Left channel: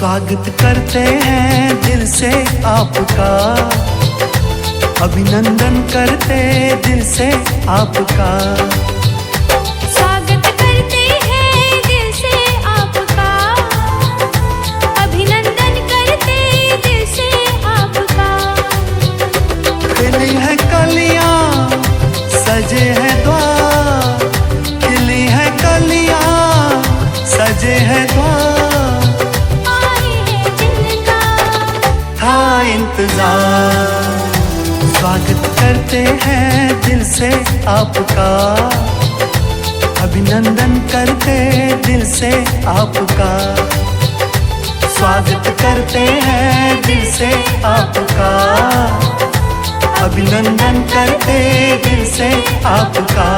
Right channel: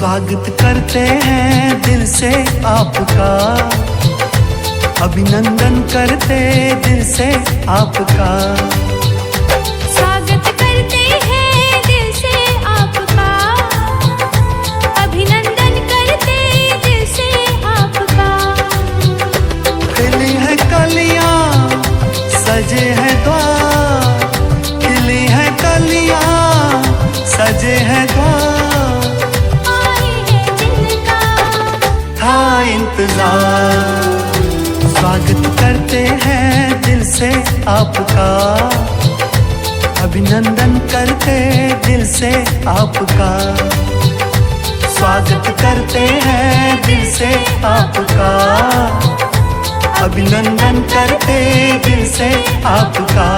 स्वागत करते हैं दिल से आपका, अभिनंदन करते दिल से आपका। स्वागत करते हैं दिल से आपका, अभिनंदन करते दिल से आपका। खिली है कलियां सजे हैं द्वार, खिली है कलियां सजे हैं द्वार। आए हैं जिनका था इंतजार, स्वागत करते हैं दिल से आपका, अभिनंदन करते दिल से आपका। स्वागत करते हैं दिल से आपका, अभिनंदन करते दिल से आपका।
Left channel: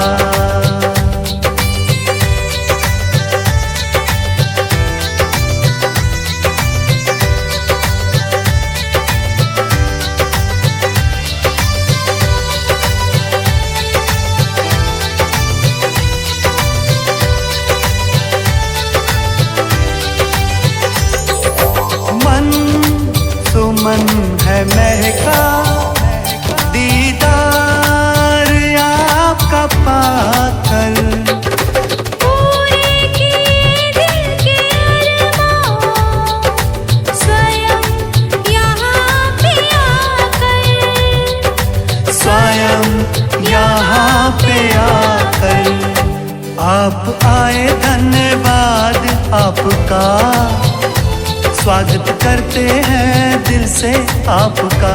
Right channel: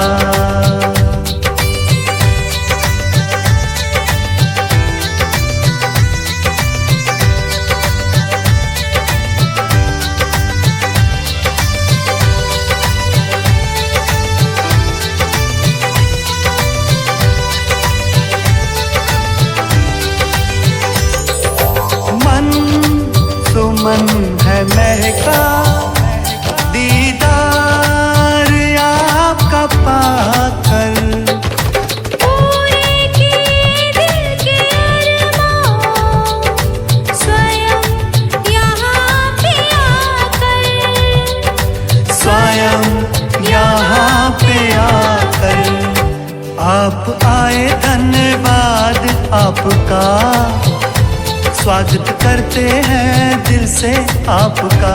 मन सुमन है महका, दीदार आपका पाकर। पूरे किए दिल के अरमां, स्वयं यहाँ पे आकर, स्वयं यहाँ पे आकर। आप आए धन्यवाद आपका, स्वागत करते हैं दिल से आपका।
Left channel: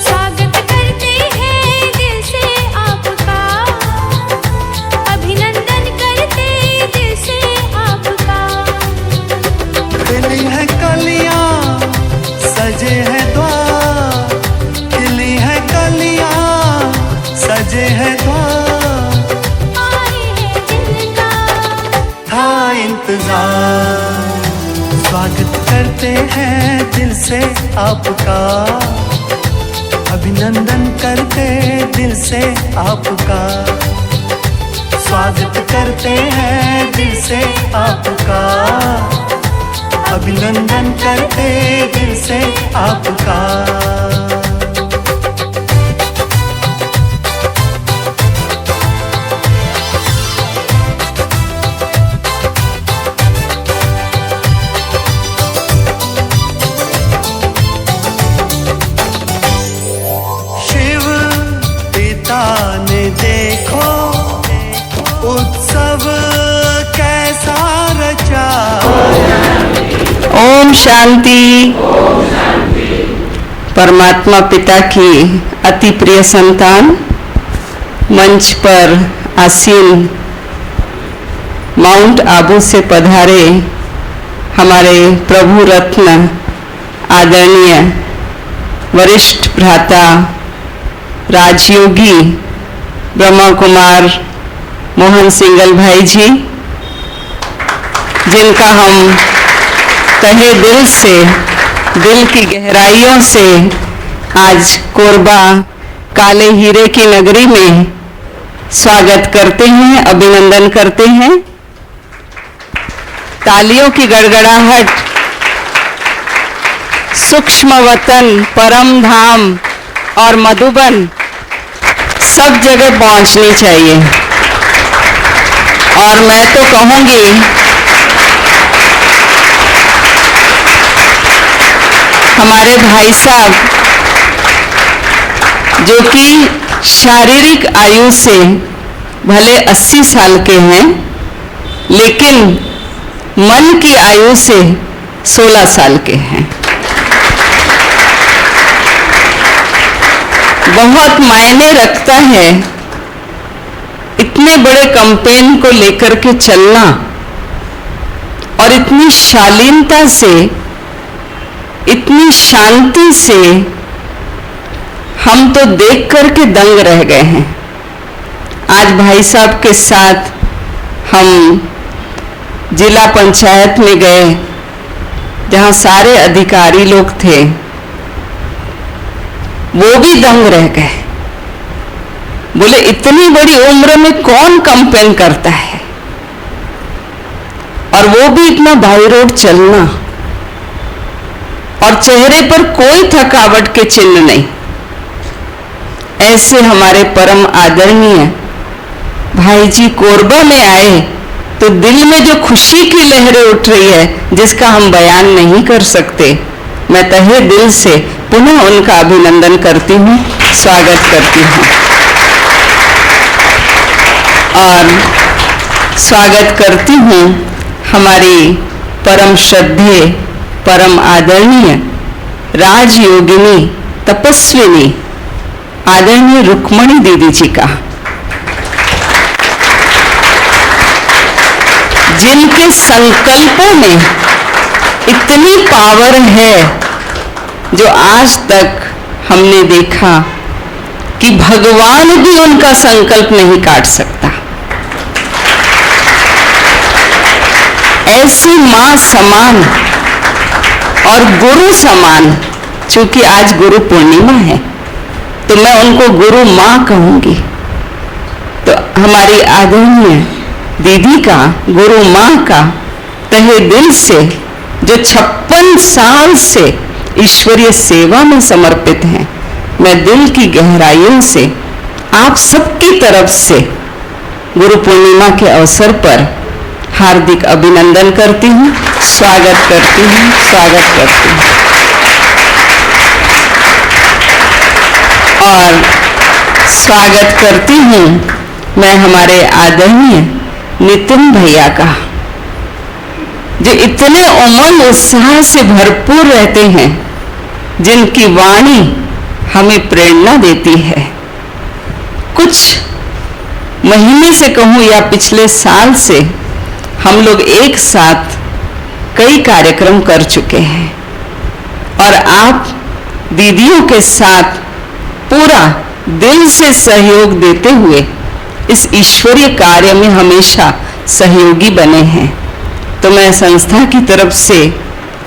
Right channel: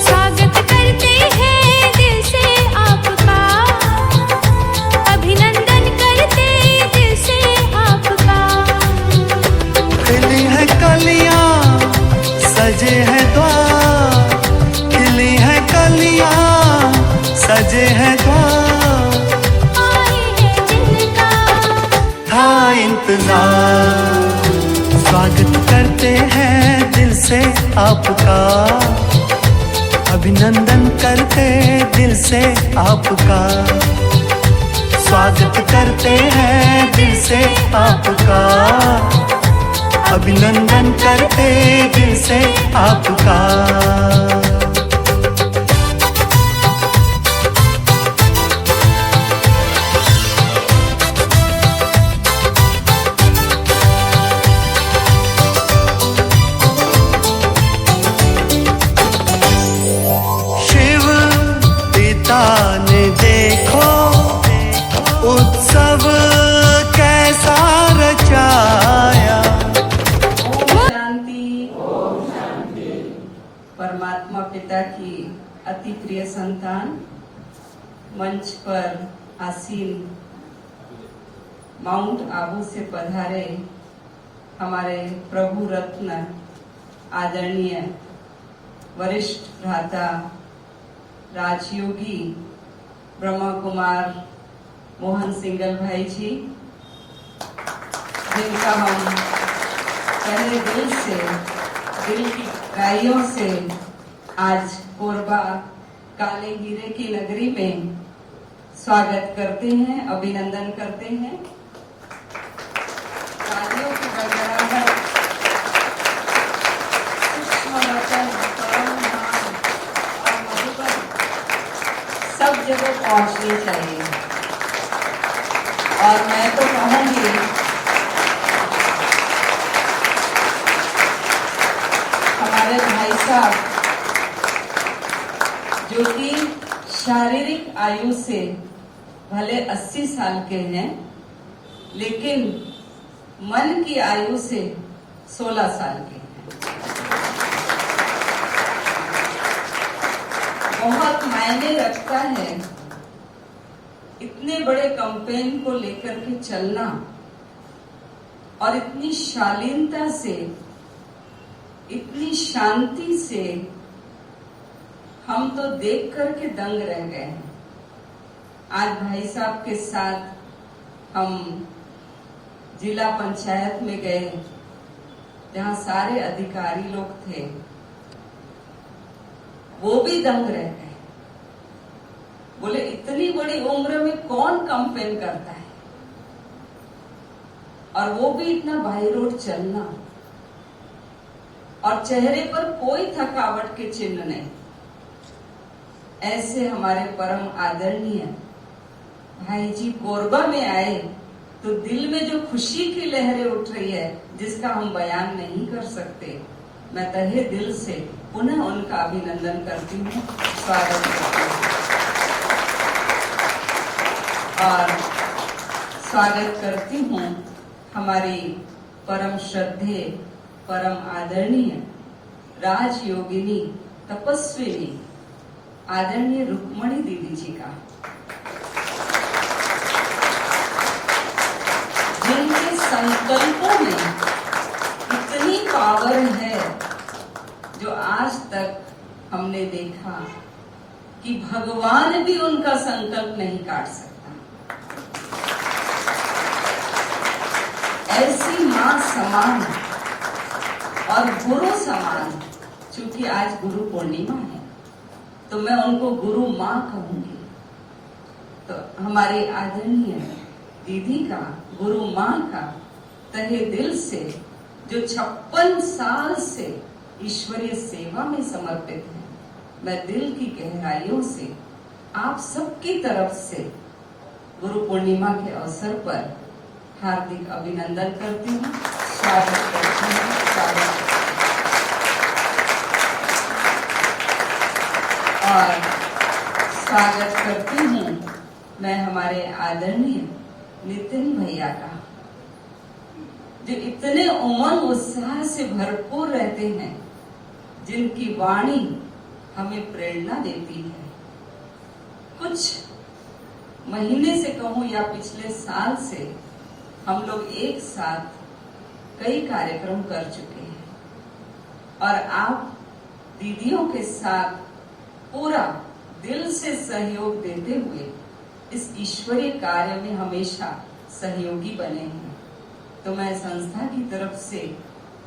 स्वागत करते हैं दिल से आपका, अभिनंदन करते दिल से आपका। खिली है कलियां सजे हैं द्वार, खिली है कलियां सजे हैं द्वार। आए हैं जिनका था इंतजार, स्वागत करते हैं दिल से आपका, अभिनंदन करते दिल से आपका। स्वागत करते हैं दिल से आपका, अभिनंदन करते दिल से आपका। ने देखो उत्सव कैसा रचाया। ओम शांति। परमात्मा पिता की अति प्रिय संतान, मंच पर आसीन माउंट आबू से पधारे हमारे प्रभु रत्न आदरणीय वरिष्ठ भ्राता राजयोगी ब्रह्मा कुमार मोहन सिंगल भाई जी, जिनका हम तहे दिल से, दिल की गहराइयों से आज कोरबा काले हीरे की नगरी में स्वागत करते हैं, अभिनंदन करते हैं। तालियों की गड़गड़ाहट सूक्ष्म वतन, परम धाम और मधुबन सब जगह पहुंचनी चाहिए। और मैं तो कहूंगी हमारे भाई साहब जो कि शारीरिक आयु से भले 80 साल के हैं, लेकिन मन की आयु से 16 साल के हैं। बहुत मायने रखता है इतने बड़े कैंपेन को लेकर के चलना, और इतनी शालीनता से, इतनी शांति से हम तो देख करके दंग रह गए हैं। आज भाई साहब के साथ हम जिला पंचायत में गए, जहां सारे अधिकारी लोग थे, वो भी दंग रह गए। बोले इतनी बड़ी उम्र में कौन कैंपेन करता है, और वो भी इतना बाई रोड चलना। और चेहरे पर कोई थकावट के चिन्ह नहीं। ऐसे हमारे परम आदरणीय भाई जी कोरबा में आए तो दिल में जो खुशी की लहरें उठ रही है जिसका हम बयान नहीं कर सकते। मैं तहे दिल से पुनः उनका अभिनंदन करती हूँ, स्वागत करती हूँ और स्वागत करती हूँ हमारी परम श्रद्धेय परम आदरणीय राजयोगिनी तपस्विनी आदरणीय रुक्मणी दीदी जी का, जिनके संकल्पों में इतनी पावर है जो आज तक हमने देखा कि भगवान भी उनका संकल्प नहीं काट सकता। ऐसी मां समान और गुरु समान, चूंकि आज गुरु पूर्णिमा है तो मैं उनको गुरु मां कहूंगी। तो हमारी आदरणीय दीदी का, गुरु मां का तहे दिल से, जो 56 साल से ईश्वरीय सेवा में समर्पित हैं, मैं दिल की गहराइयों से आप सबकी तरफ से गुरु पूर्णिमा के अवसर पर हार्दिक अभिनंदन करती हूँ, स्वागत करती हूँ, स्वागत करती हूँ। और स्वागत करती हूँ मैं हमारे आदरणीय नितिन भैया का, जो इतने उमंग उत्साह से भरपूर रहते हैं, जिनकी वाणी हमें प्रेरणा देती है। कुछ महीने से कहूँ या पिछले साल से हम लोग एक साथ कई कार्यक्रम कर चुके हैं और आप दीदियों के साथ पूरा दिल से सहयोग देते हुए इस ईश्वरीय कार्य में हमेशा सहयोगी बने हैं। तो मैं संस्था की तरफ से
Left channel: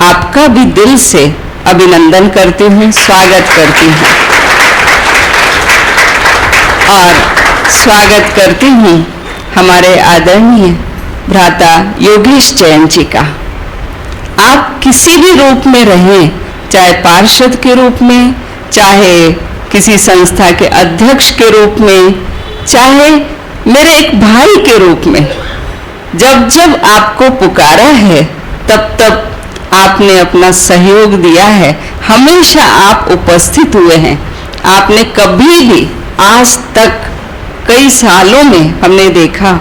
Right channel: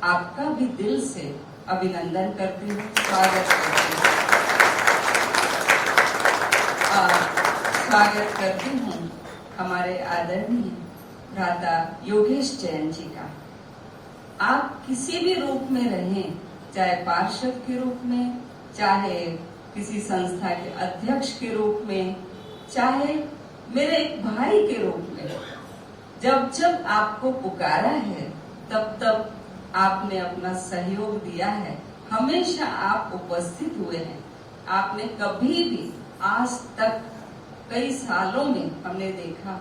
आपका भी दिल से अभिनंदन करती हूँ, स्वागत करती हूँ और स्वागत करती हूँ हमारे आदरणीय भ्राता योगेश जैन जी का। आप किसी भी रूप में रहें, चाहे पार्षद के रूप में, चाहे किसी संस्था के अध्यक्ष के रूप में, चाहे मेरे एक भाई के रूप में, जब जब आपको पुकारा है तब तब आपने अपना सहयोग दिया है, हमेशा आप उपस्थित हुए हैं। आपने कभी भी आज तक कई सालों में हमने देखा,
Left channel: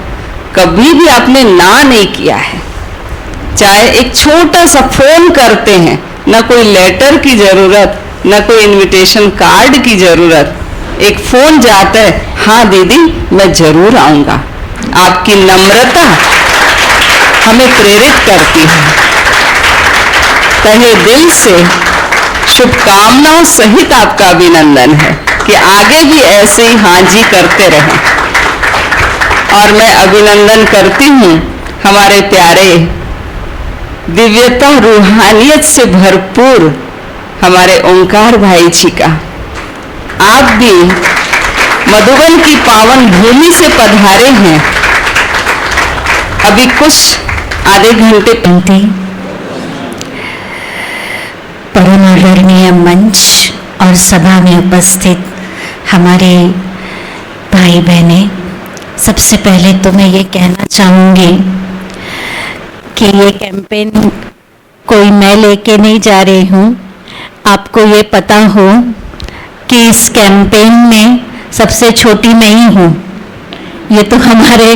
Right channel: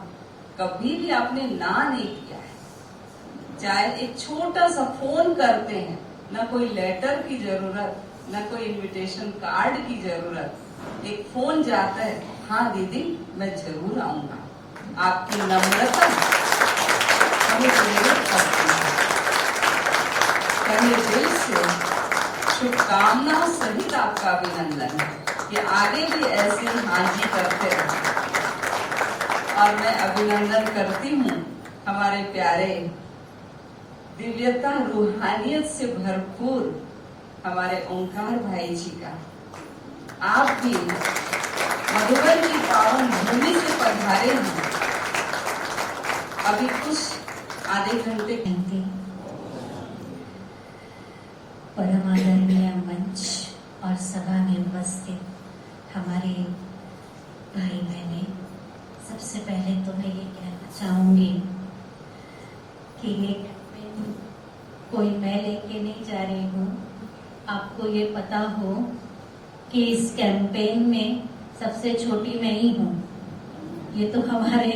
कभी भी आपने ना नहीं किया है। चाहे एक छोटा सा फोन करते हैं, ना कोई लेटर की जरूरत, ना कोई इनविटेशन कार्ड की जरूरत, एक फोन जाता है, हाँ दीदी मैं जरूर आऊंगा। आपकी नम्रता हमें प्रेरित करती है। तहे दिल से शुभकामनाओं सहित आपका अभिनंदन है कि आगे भी ऐसे ही हाँ जी करते रहें। और मैं अभिनंदन करती हूँ हमारे प्यारे दिव्यता रूहानियत से भरपूर हमारे ओंकार भाई जी का। आप भी मधुबन की पावन भूमि से पधारे हैं। अभी कुछ आधे घंटे पहले परम आदरणीय मंच और सभा में उपस्थित हमारे भाई बहनें, सबसे पहले तो मैं ये कहना चाहूँगी कि ये कैंपेन कोई मैं लेके नहीं जा रही हूँ। आपको ये पता हो कि इस कैंपेन में सबसे छोटी मैं ही हूँ। ये तो हमारे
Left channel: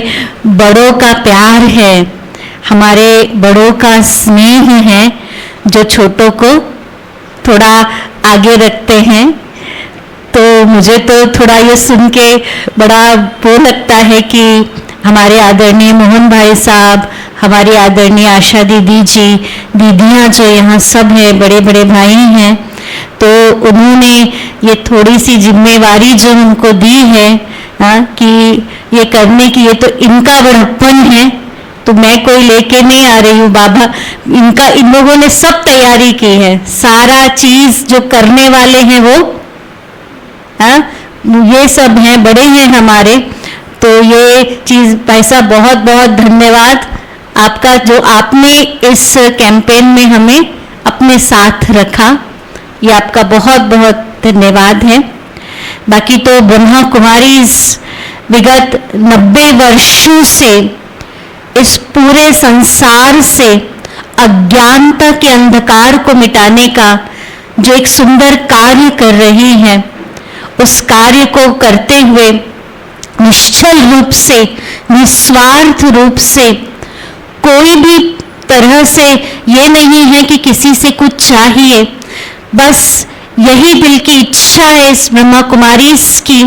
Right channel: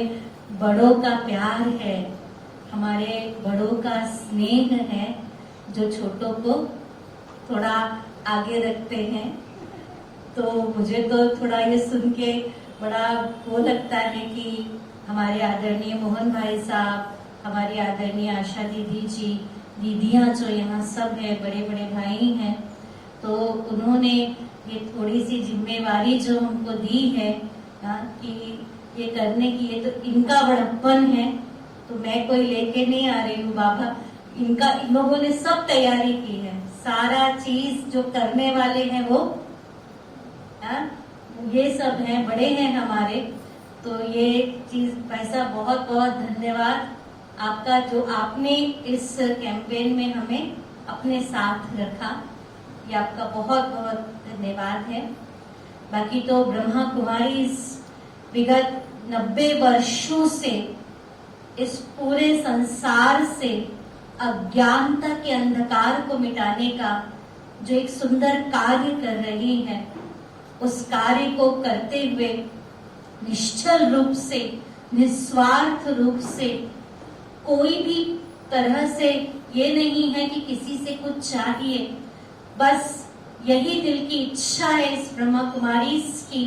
बड़ों का प्यार है, हमारे बड़ों का स्नेह है, जो छोटों को थोड़ा आगे रखते हैं। तो मुझे तो थोड़ा ये सुन के बड़ा वो लगता है कि हमारे आदरणीय मोहन भाई साहब, हमारी आदरणीय आशा दीदी जी, दीदियाँ जो यहाँ सब हैं, बड़े बड़े भाई हैं, तो उन्होंने ये थोड़ी सी जिम्मेवारी जो उनको दी है कि ये करने की, ये तो इनका बड़प्पन है, तो मैं कोई लेके नहीं आ रही हूँ बाबा। इन लोगों ने सब तैयारी की है, सारा चीज जो करने वाले हैं वो ये सब हैं, बड़े हैं हमारे। तो ये चीज भाई साहब बहुत बहुत धन्यवाद आपका, जो आपने इस कैंपेन में हमें अपने साथ रखा, ये आपका बहुत बहुत धन्यवाद है। बाकी तो ब्रह्मा कुमारी विगत 90 वर्षों से इस पूरे संसार से अज्ञानता के अंधकार को मिटाने का जो एक सुंदर कार्य कर रही हैं, उस कार्य को करते हुए निश्चल रूप से, निस्वार्थ रूप से, कोई भी तरह से ये नहीं है कि किसी से कुछ चाहिए, बस यही दिल की इच्छा है इस ब्रह्मा कुमारी की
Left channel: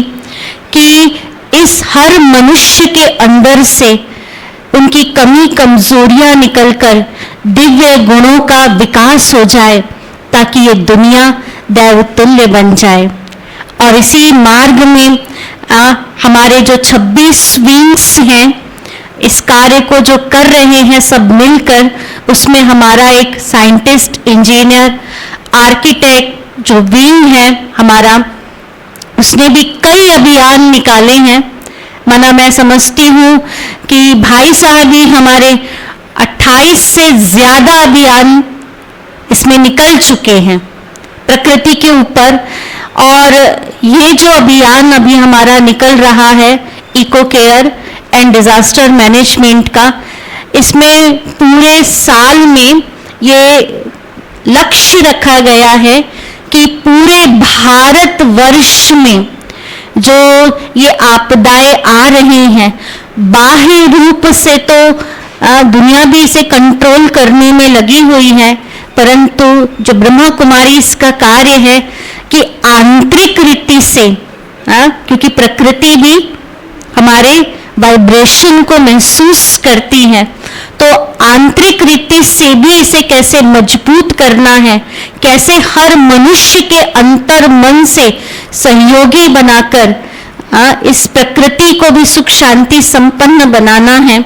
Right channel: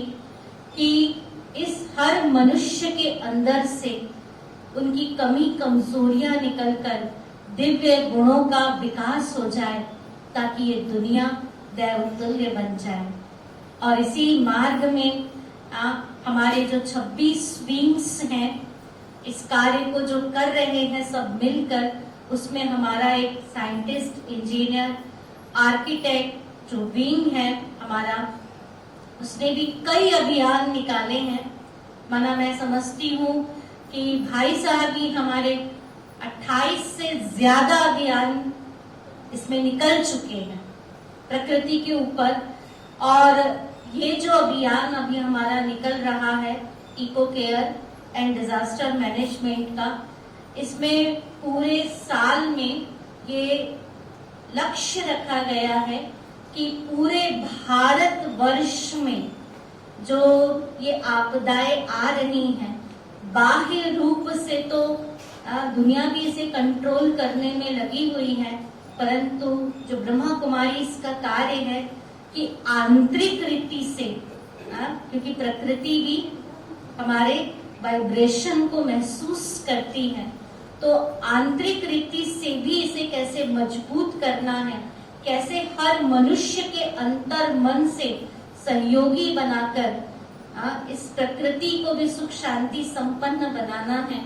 कि इस हर मनुष्य के अंदर से उनकी कमी कमजोरियां निकलकर दिव्य गुणों का विकास हो जाए, ताकि ये दुनिया दैवतुल्य बन जाए। और इसी मार्ग में हमारे जो 26 विंग्स हैं, इस कार्य को जो कर रहे हैं सब मिलकर, उसमें हमारा एक साइंटिस्ट, इंजीनियर, आर्किटेक्ट जो विंग है हमारा, उसने भी कई अभियान निकाले हैं। माना मैं समझती हूँ कि भाई साहब ही हमारे 28 से ज्यादा अभियान इसमें निकल चुके हैं प्रकृति के ऊपर। और ये जो अभियान अभी हमारा निकल रहा है eco care and disaster management का, इसमें पूरे साल में ये लक्ष्य रखा गया है कि पूरे भारतवर्ष में जो ये आपदाएं आ रही हैं, बाह्य रूप से तो दुनिया भी इसे कंट्रोल करने में लगी हुई है, परंतु जो ब्रह्मा कुमारी इसका कार्य है कि आंतरिक रीति से, क्योंकि प्रकृति भी हमारे वाइब्रेशन को महसूस करती है, तो आंतरिक रीति से भी इसे कैसे मजबूत करना है, कैसे हर मनुष्य के अंतर मन से सहयोगी बनाकर इस प्रकृति को भी सुख शांति संपन्न बनाना है।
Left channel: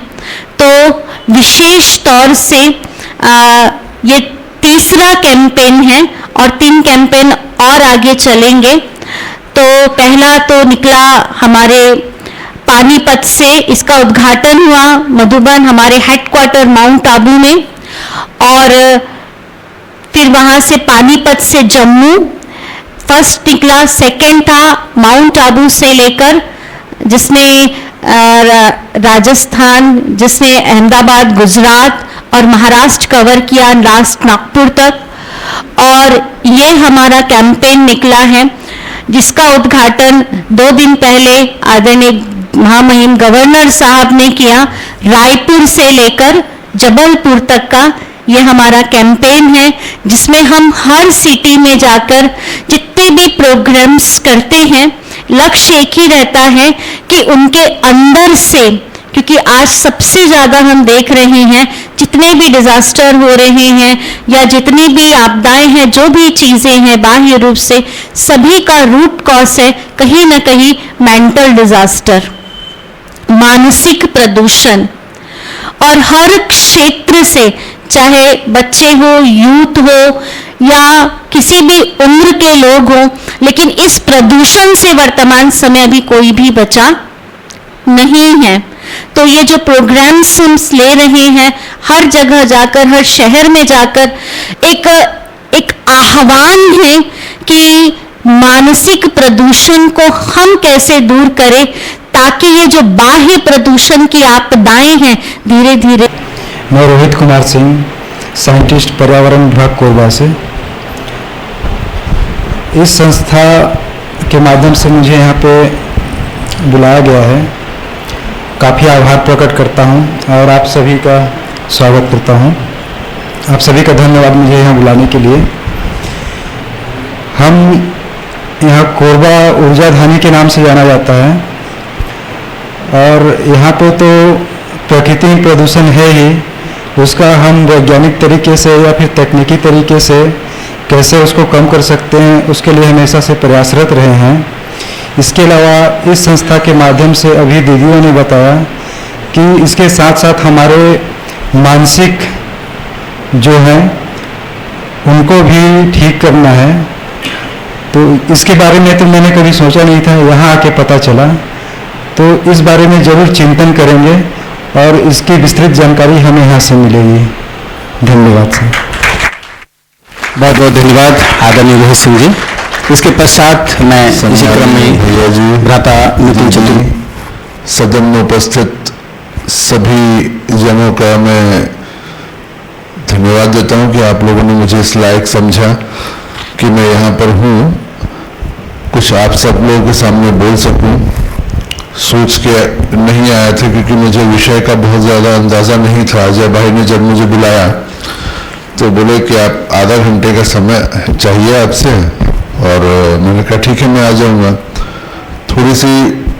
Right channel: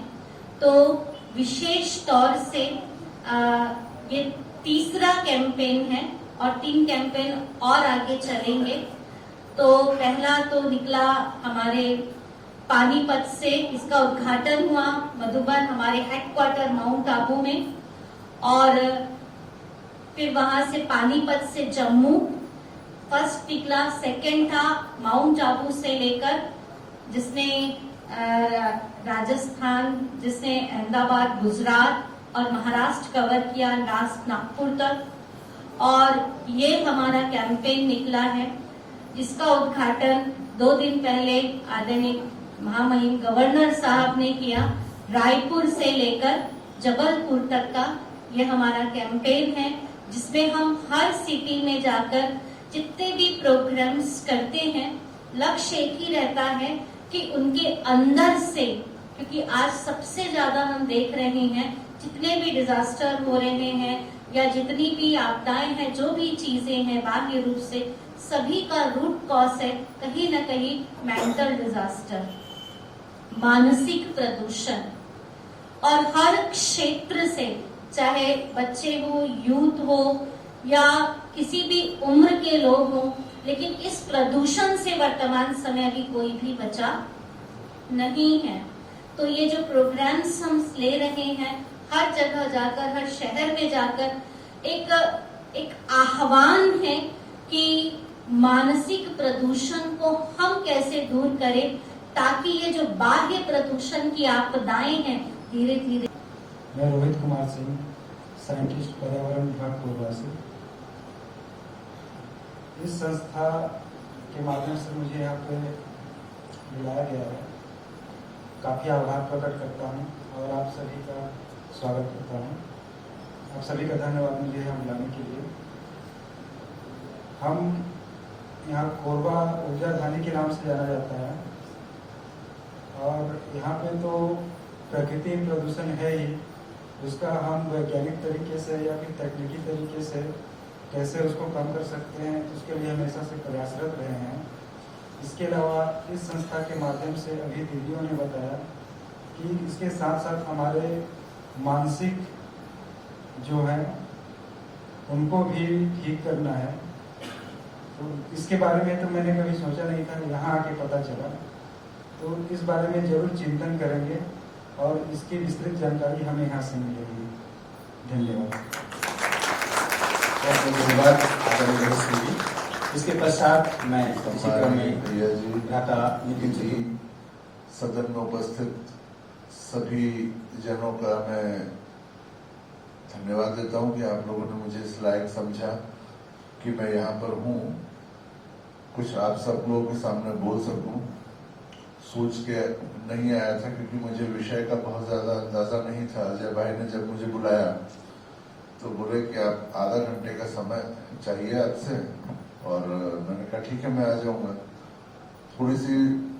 तो विशेष तौर से ये तीसरा कैंपेन है और 3 कैंपेन और आगे चलेंगे। तो पहला तो निकला हमारे पानीपत से, इसका उद्घाटन हुआ मधुबन हमारे हेडक्वार्टर माउंट आबू में, और फिर वहां से पानीपत से जम्मू फर्स्ट निकला, सेकंड था माउंट आबू से लेकर, जिसने राजस्थान, जिसने अहमदाबाद, गुजरात और महाराष्ट्र कवर किया लास्ट नागपुर तक। और ये हमारा कैंपेन निकला है जिसका उद्घाटन 2 दिन पहले आदरणीय महामहिम गवर्नर साहब ने किया, रायपुर से लेकर जबलपुर तक का ये हमारा कैंपेन है, जिसमें हम हर सिटी में जाकर जितने भी प्रोग्राम्स करते हैं, लक्ष्य एक ही रहता है कि उनके अंदर से, क्योंकि आज सबसे ज्यादा हम देख रहे हैं जितने भी डिजास्टर हो रहे हैं या जितनी भी आपदाएं हैं, जो भी चीजें हैं बाह्य रूप से, सभी का रूट कॉज है कहीं ना कहीं मेंटल डिजास्टर, मानसिक प्रदूषण। और हर क्षेत्र से, चाहे बच्चे हो, यूथ हो या किसी भी उम्र के लोग हो, लेकिन इस प्रदूषण से वर्तमान समय अभी कोई भी बचा नहीं है। तो ये जो प्रोग्राम्स हम ले रहे हैं, हर जगह जाकर, हर शहर में जाकर एक आह्वान है कि मानसिक प्रदूषण को हम कैसे दूर करें, ताकि ये जो बाह्य प्रदूषण की आपदाएं हैं धीरे धीरे। मैं रोहित कुमार सिंह, साइंटिस्ट, पर्यावरण विभाग कोरबा से। इस संस्था के माध्यम से मुझे यहाँ पे बुलाया गया है, काफ़ी आभार प्रकट करता हूँ और आप सभी का स्वागत करता हूँ। आप सभी का धन्यवाद मुझे यहाँ बुलाने के लिए। हम यहाँ कोरबा ऊर्जाधानी के नाम से जाना जाता है, और यहाँ पे तो प्रकृति में प्रदूषण है ही, उसका हम वैज्ञानिक तरीके से या फिर तकनीकी तरीके से कैसे उसको कम कर सकते हैं, उसके लिए हमेशा से प्रयासरत रहे हैं। इसके अलावा इस संस्था के माध्यम से अभी दीदियों ने बताया कि इसके साथ साथ हमारे मानसिक जो है उनको भी ठीक करना है। तो इसके बारे में तो मैंने कभी सोचा नहीं था, यहाँ आके पता चला। तो इस बारे में ज़रूर चिंतन करेंगे और इसकी विस्तृत जानकारी हमें यहाँ से मिलेगी। धन्यवाद सर। बहुत बहुत धन्यवाद आदरणीय रोहित सिंह जी। इसके पश्चात मैं इसी क्रम में भैया जी, भ्राता नितिन चतुर्वेदी, सदन में उपस्थित सभी जनों का मैं धन्यवाद देता हूं कि आप लोगों ने मुझे इस लायक समझा कि मैं यहाँ पर हूँ, कुछ आप सब लोगों के सामने बोल सकूं। सोच के नहीं आया था क्योंकि मुझे विषय का बहुत ज़्यादा अंदाज़ा नहीं था। अजय भाई ने जब मुझे बुलाया तो बोले कि आप आधा घंटे का समय चाहिए आपसे, और मैंने कहा ठीक है मैं आ जाऊँगा। थोड़ी सी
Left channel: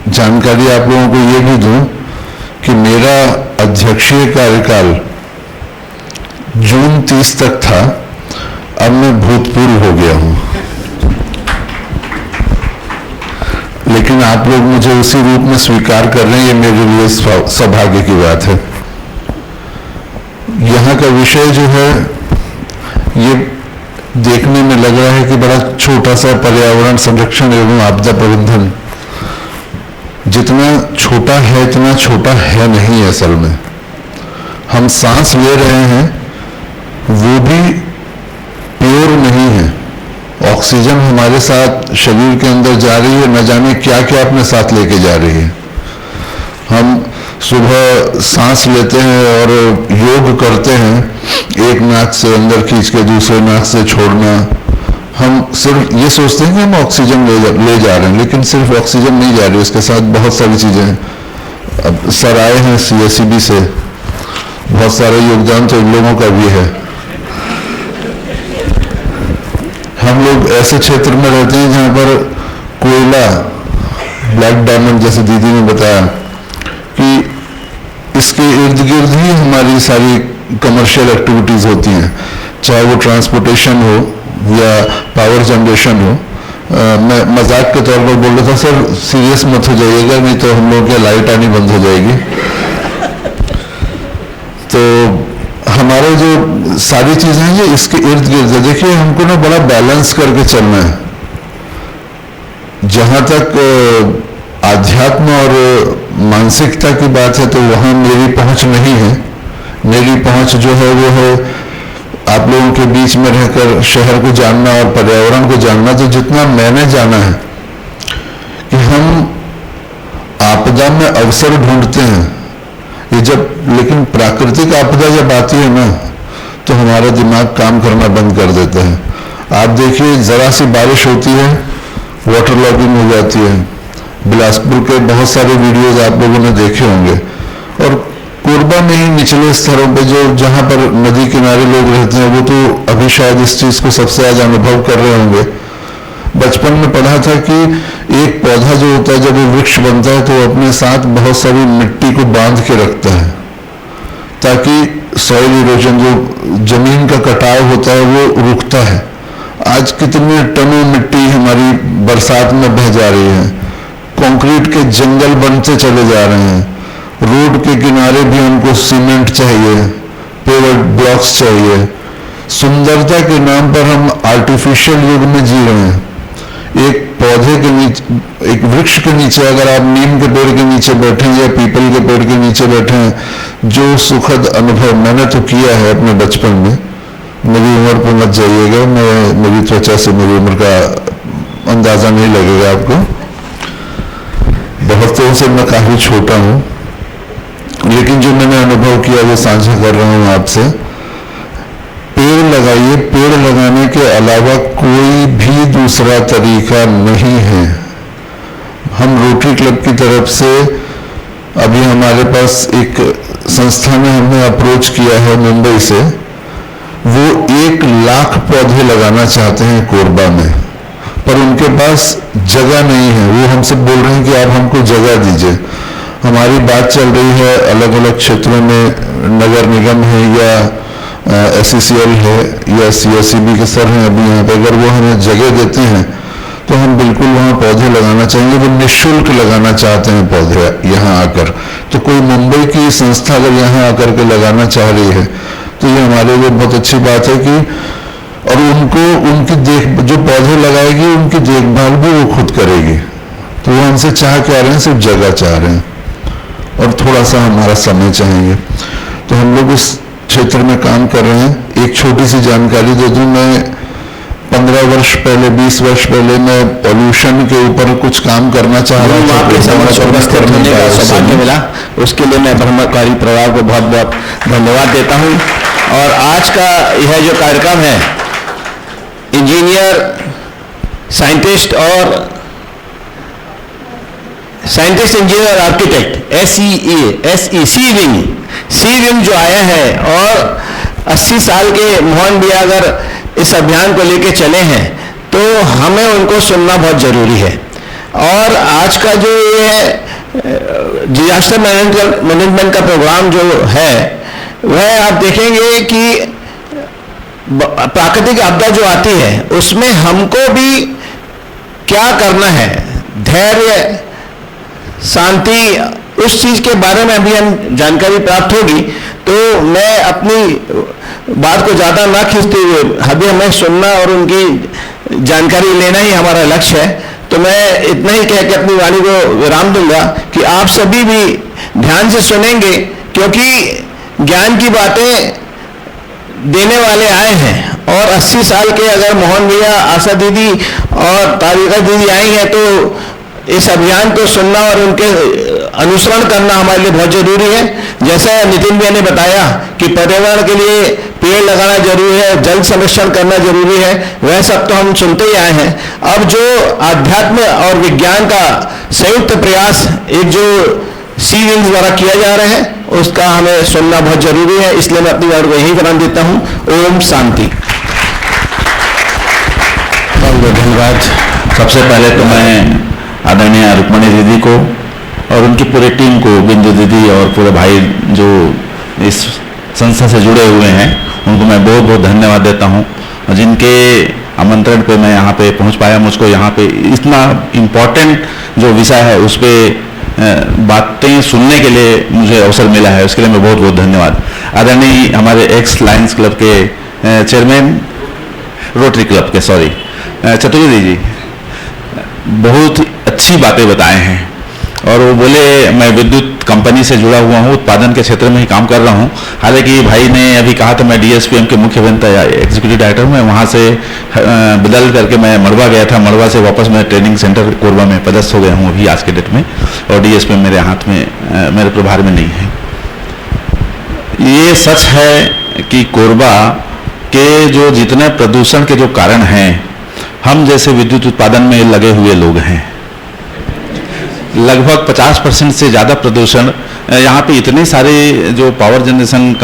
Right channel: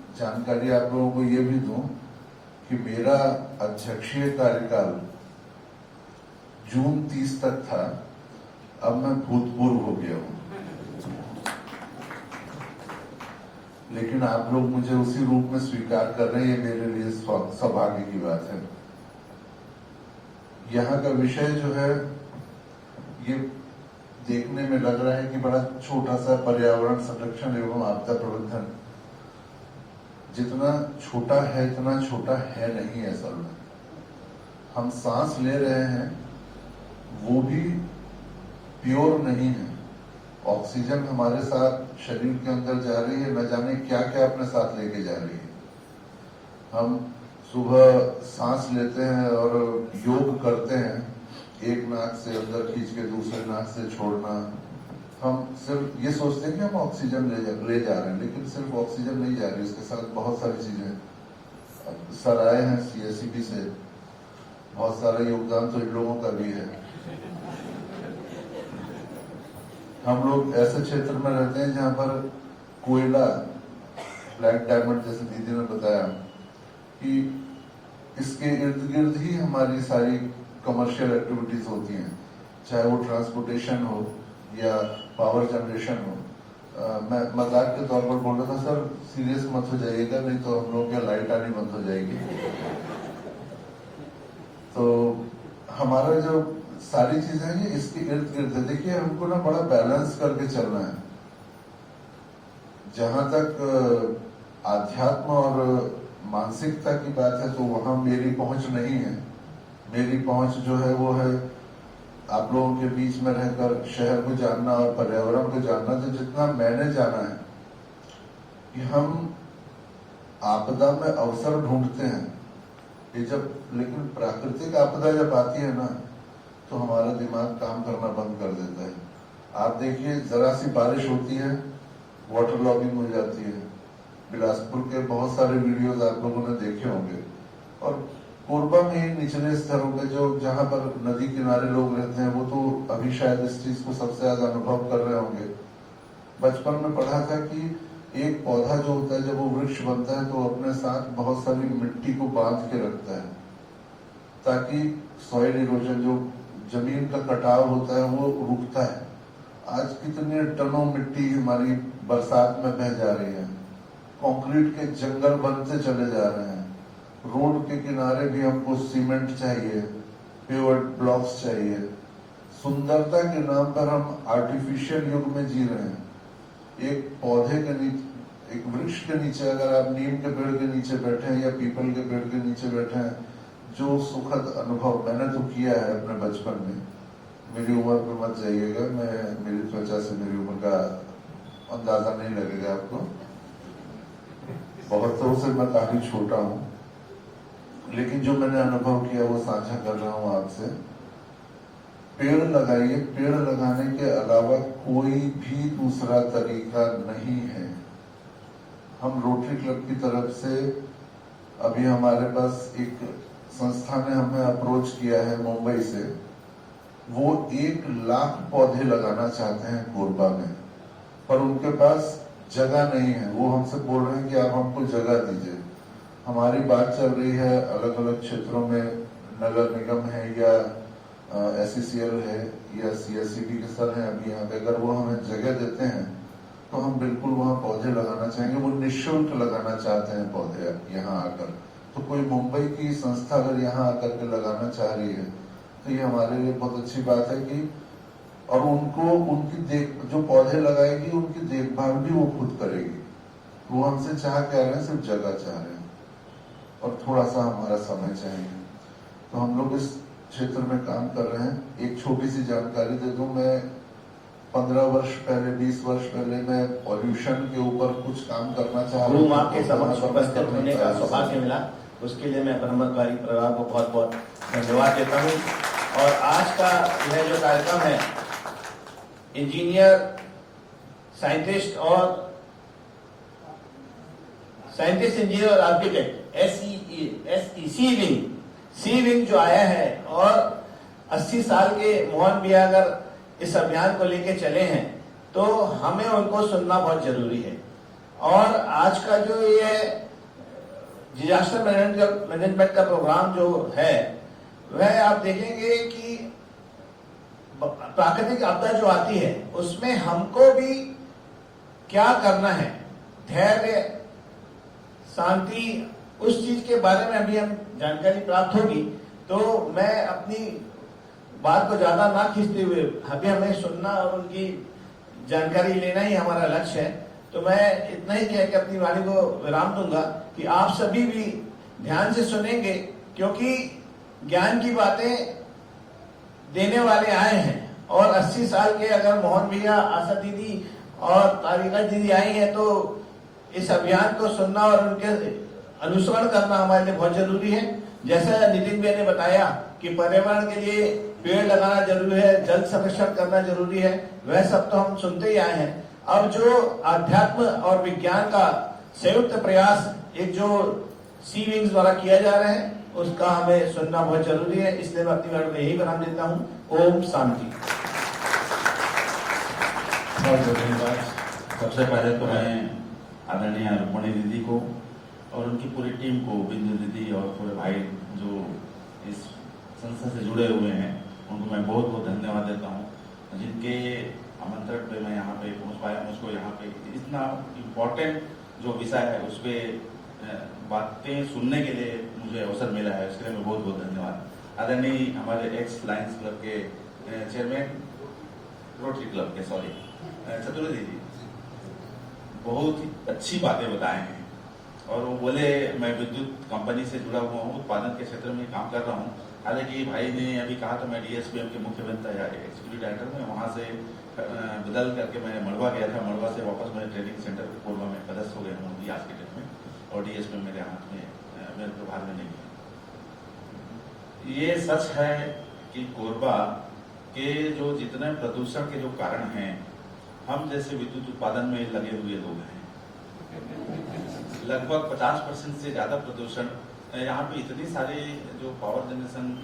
जानकारी आप लोगों को ये भी दूं कि मेरा अध्यक्षीय कार्यकाल जून 30 तक था, अब मैं भूतपूर्व हो गया हूँ, लेकिन आप लोग मुझे उसी रूप में स्वीकार कर रहे हैं, ये मेरे लिए सौभाग्य की बात है। यहाँ का विषय जो है ये देखने में लग रहा है कि बड़ा छोटा सा पर्यावरण संरक्षण एवं आपदा प्रबंधन, जितना छोटा है इतना छोटा है नहीं है। असल में हम सांस ले रहे हैं वो भी प्योर नहीं है। ऑक्सीजन हमारे साथ शरीर के अंदर जा रही है, न जाने क्या क्या अपने साथ लेके जा रही है। हम सुबह सांस लेते हैं और योग करते हैं, एक नाक से अंदर खींच के दूसरे नाक से छोड़ना। हम सिर्फ ये सोचते हैं कि हम ऑक्सीजन ले जा रहे हैं, लेकिन सिर्फ ऑक्सीजन नहीं जा रही, उसके साथ बहुत सारी चीज़ें हैं। अब सर आए हैं CSEB से, बहुत सारा योगदान तो इन लोगों का भी है। हम लोग ऐसे क्षेत्र में रहते हैं जहाँ पर कोयला, ब्लैक डायमंड, जैसे दीदी ने बताया कि इसके इर्द गिर्द ही हमारी सारी कमर्शियल एक्टिविटीज़ होती हैं, चाहे वो ट्रांसपोर्टेशन हो या पावर जनरेशन हो। मैं मजाक के तौर पर बोल रहा था, सर सीरियस मत हो जाइएगा नहीं तो हम लोगों की लाइट आनी बंद हो जाएगी। तो हमारे जो सारी चीज़ें हैं ये इसके इर्द गिर्द है। देखिए हमको ना बड़ा बैलेंस करके चलना है। जहाँ तक आध्यात्म और मानसिकता की बात है तो वहाँ मेरी पहुँच नहीं है। मेरी पहुँच जो है वो है आप लोगों के बीच में रहकर शहर को जानना और पर्यावरण को जानना। तो जितना मैंने जाना है कि हम आपदा में अवसर ढूंढते हैं, ये जब, लेकिन प्राकृतिक आपदा जब आती है ना तो हमारा दिमाग काम करना बंद कर देता है। आप देखिए जरा सी बारिश होती है, वाटर लॉगिंग हो जाती है। बिलासपुर के बहुत सारे वीडियोज आप लोगों ने देखे होंगे, और कोरबा में ही निचले स्तरों पे जो जहाँ पर नदी किनारे लोग रहते हैं वो तो अभी शायद इस चीज़ को सबसे ज़्यादा अनुभव कर रहे होंगे। बचपन में पढ़ा था कि एक पौधा जो होता है जब वो वृक्ष बनता है तो वो अपने साथ बहुत सारी मिट्टी को बांध के रखता है ताकि सॉइल इरोजन, जो जमीन का कटाव होता है, वो रुकता है। आज कितने टनों मिट्टी हमारी बरसात में बह जा रही है। कंक्रीट के जंगल बनते चले जा रहे हैं। रोड के किनारे भी हमको सीमेंट चाहिए, पेवर्ड ब्लॉक्स चाहिए। सुंदरता के नाम पर हम आर्टिफिशियल युग में जी रहे हैं। एक पौधे के नीचे, एक वृक्ष के नीचे अगर आप नीम के पेड़ के नीचे बैठे या पीपल के पेड़ के नीचे बैठे हैं, जो सुखद अनुभव मैंने तो किया है अपने बचपन में। मेरी उम्र पर मत जाइएगा, मेरी त्वचा से मेरी उम्र का अंदाजा नहीं लगेगा आपको। बहुतों से मैं काफी छोटा हूँ, लेकिन जो मैंने अनुभव किया वो साझा कर रहा हूँ आपसे। पेड़ लगाइए, पेड़ लगाने के अलावा कोई भी दूसरा तरीका नहीं है। हम रोटरी क्लब की तरफ से अभी हमारे पास एक संस्था ने हमें अप्रोच किया है मुंबई से, वो 1 लाख पौधे लगाना चाहते हैं कोरबा में, पर उनके पास जगह नहीं है। वो हमसे बोल रहे हैं कि आप हमको जगह दीजिए। हमारी बात चल रही है अलग अलग क्षेत्रों में, नगर निगम है या SCCL है या CSEB के सर हैं अभी यहाँ पे, अगर वो हमें जगह देते हैं तो हम बिल्कुल वहाँ पौधे लगाना चाहेंगे। वो निःशुल्क लगाना चाहते हैं पौधे यहाँ आकर। तो कोई मुंबई की संस्था अगर यहाँ आकर के लगाना चाह रही है तो ये हमारे लिए बहुत अच्छी बात है कि, और उनको उनकी जो पौधे लगाएगी उनकी देखभाल भी वो खुद करेगी। तो वो हमसे चाह क्या रहे हैं, सिर्फ जगह चाह रहे हैं और थोड़ा सा हमारा समय चाहिए। तो हम लोग उस क्षेत्र में काम कर रहे हैं। एक छोटी सी जानकारी दे दूं, मैं 15 वर्ष पहले, 20 वर्ष पहले मैं पॉल्यूशन के ऊपर कुछ काम करना चाह रहा था। आपके समक्ष उपस्थित होने का सौभाग्य मिला, उसके लिए मैं ब्रह्मकुमारी परिवार को बहुत बहुत धन्यवाद देता हूं। और आज का यह जो कार्यक्रम है, इंजीनियर, साइंटिस्ट और साइंटिस्ट, इंजीनियर, आर्किटेक्ट, सी विंग जो आया है, और 80 साल के मोहन भैया अगर इस अभियान को लेके चले हैं तो हमें उनको सुनना बहुत जरूरी है। और आज का जो ये डिजास्टर मैनेजमेंट का प्रोग्राम जो है, वह आप देखेंगे कि प्राकृतिक आपदा जो आती है उसमें हमको भी क्या करना है, धैर्य, शांति, उस चीज के बारे में अभी हम जानकारी प्राप्त होगी। तो मैं अपनी बात को ज्यादा ना खींचते हुए अभी हमें सुनना और उनकी जानकारी लेना ही हमारा लक्ष्य है। तो मैं इतना ही कह के अपनी वाणी को विराम दूंगा कि आप सभी भी ध्यान से सुनेंगे, क्योंकि ज्ञान की बातें देने वाले आए हैं। और 80 साल के अगर मोहन भैया, आशा दीदी और तारिका दीदी आई हैं तो इस अभियान को सुनना और उनके अनुसरण करना हमारे लिए बहुत जरूरी है। जैसा नितिन भैया ने बताया कि पर्यावरण के लिए पेड़ लगाना जरूरी है, जल संरक्षण करना जरूरी है, वह सब तो हम सुनते ही आए हैं। अब जो आध्यात्म और विज्ञान का संयुक्त प्रयास एक जो सी विंग्स द्वारा किया जा रहा है, उसका हमें सुनना बहुत जरूरी है। इसलिए मैं अपनी बात को यही विराम देता हूँ। ओम शांति। बहुत बहुत धन्यवाद। सबसे पहले तो मैं आदरणीय रुक्मणी दीदी को और उनकी पूरी टीम को, बिंदु दीदी और पूरे भाई जो इस संस्था से जुड़े हुए हैं, उनको मैं बहुत बहुत धन्यवाद देता हूं, जिनके आमंत्रण पे मैं यहाँ पे पहुँच पाया। मुझको यहाँ पे इतना इम्पोर्टेंट जो विषय है उस पर बातें सुनने के लिए मुझे अवसर मिला है, उसके लिए मैं बहुत बहुत धन्यवाद। आदरणीय हमारे एक्स लायंस क्लब के चेयरमैन, रोटरी क्लब के, सॉरी, चतुर्वेदी जी, बहुत अच्छी बातें बताए हैं। और वो बोले मैं विद्युत कंपनी से जुड़ा हुआ हूँ, उत्पादन के क्षेत्र में ही काम कर रहा हूँ। हालांकि भाई ने अभी कहा था मैं डीएसपीएम के मुख्य अभियंता या एग्जीक्यूटिव डायरेक्टर हूँ, मैं वहाँ से बदल करके मैं मड़वा गया था। मड़वा से वापस मैं ट्रेनिंग सेंटर कोरबा में पदस्थ हो गया हूँ अभी आज के डेट में, और डीएसपीएम मेरे हाथ में, मेरे प्रभार में नहीं है। ये सच है कि कोरबा के जो जितने प्रदूषण के जो कारण हैं, हम जैसे विद्युत उत्पादन में लगे हुए लोग हैं, लगभग 50% से ज़्यादा प्रदूषण यहाँ पे इतने सारे जो पावर जनरेशन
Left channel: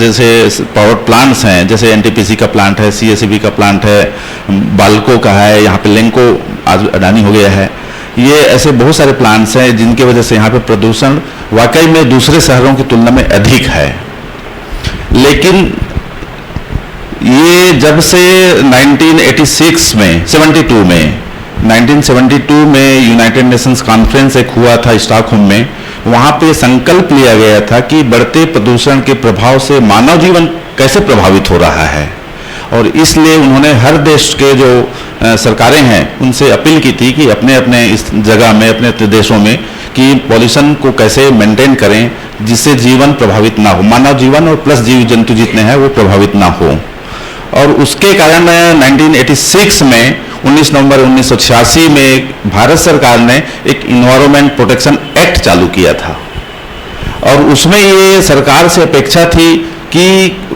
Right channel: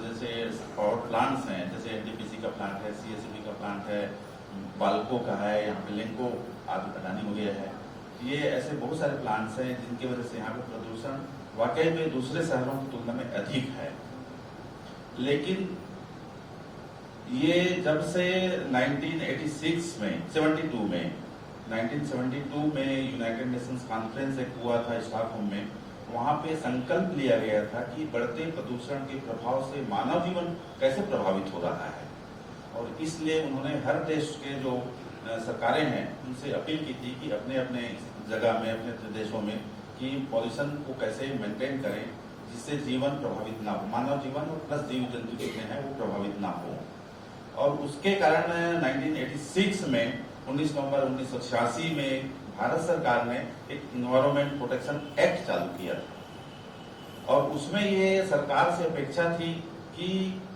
जैसे पावर प्लांट्स हैं, जैसे एनटीपीसी का प्लांट है, सीएसईबी का प्लांट है, बाल्को का है, यहाँ पे लेंको आज अडानी हो गया है। ये ऐसे बहुत सारे प्लांट्स हैं जिनकी वजह से यहाँ पे प्रदूषण वाकई में दूसरे शहरों की तुलना में अधिक है। लेकिन ये जब से 1972 में यूनाइटेड नेशंस कॉन्फ्रेंस एक हुआ था स्टॉकहोम में, वहाँ पे संकल्प लिया गया था कि बढ़ते प्रदूषण के प्रभाव से मानव जीवन कैसे प्रभावित हो रहा है। और इसलिए उन्होंने हर देश के जो सरकारें हैं उनसे अपील की थी कि अपने अपने इस जगह में, अपने अपने देशों में, कि पॉल्यूशन को कैसे मेंटेन करें जिससे जीवन प्रभावित ना हो, मानव जीवन और प्लस जीव जंतु जितने हैं वो प्रभावित ना हो। और उसके कारण 1986 में 19 नवंबर 1986 में भारत सरकार ने एक इन्वायरमेंट प्रोटेक्शन एक्ट चालू किया था। और उसमें ये सरकार से अपेक्षा थी कि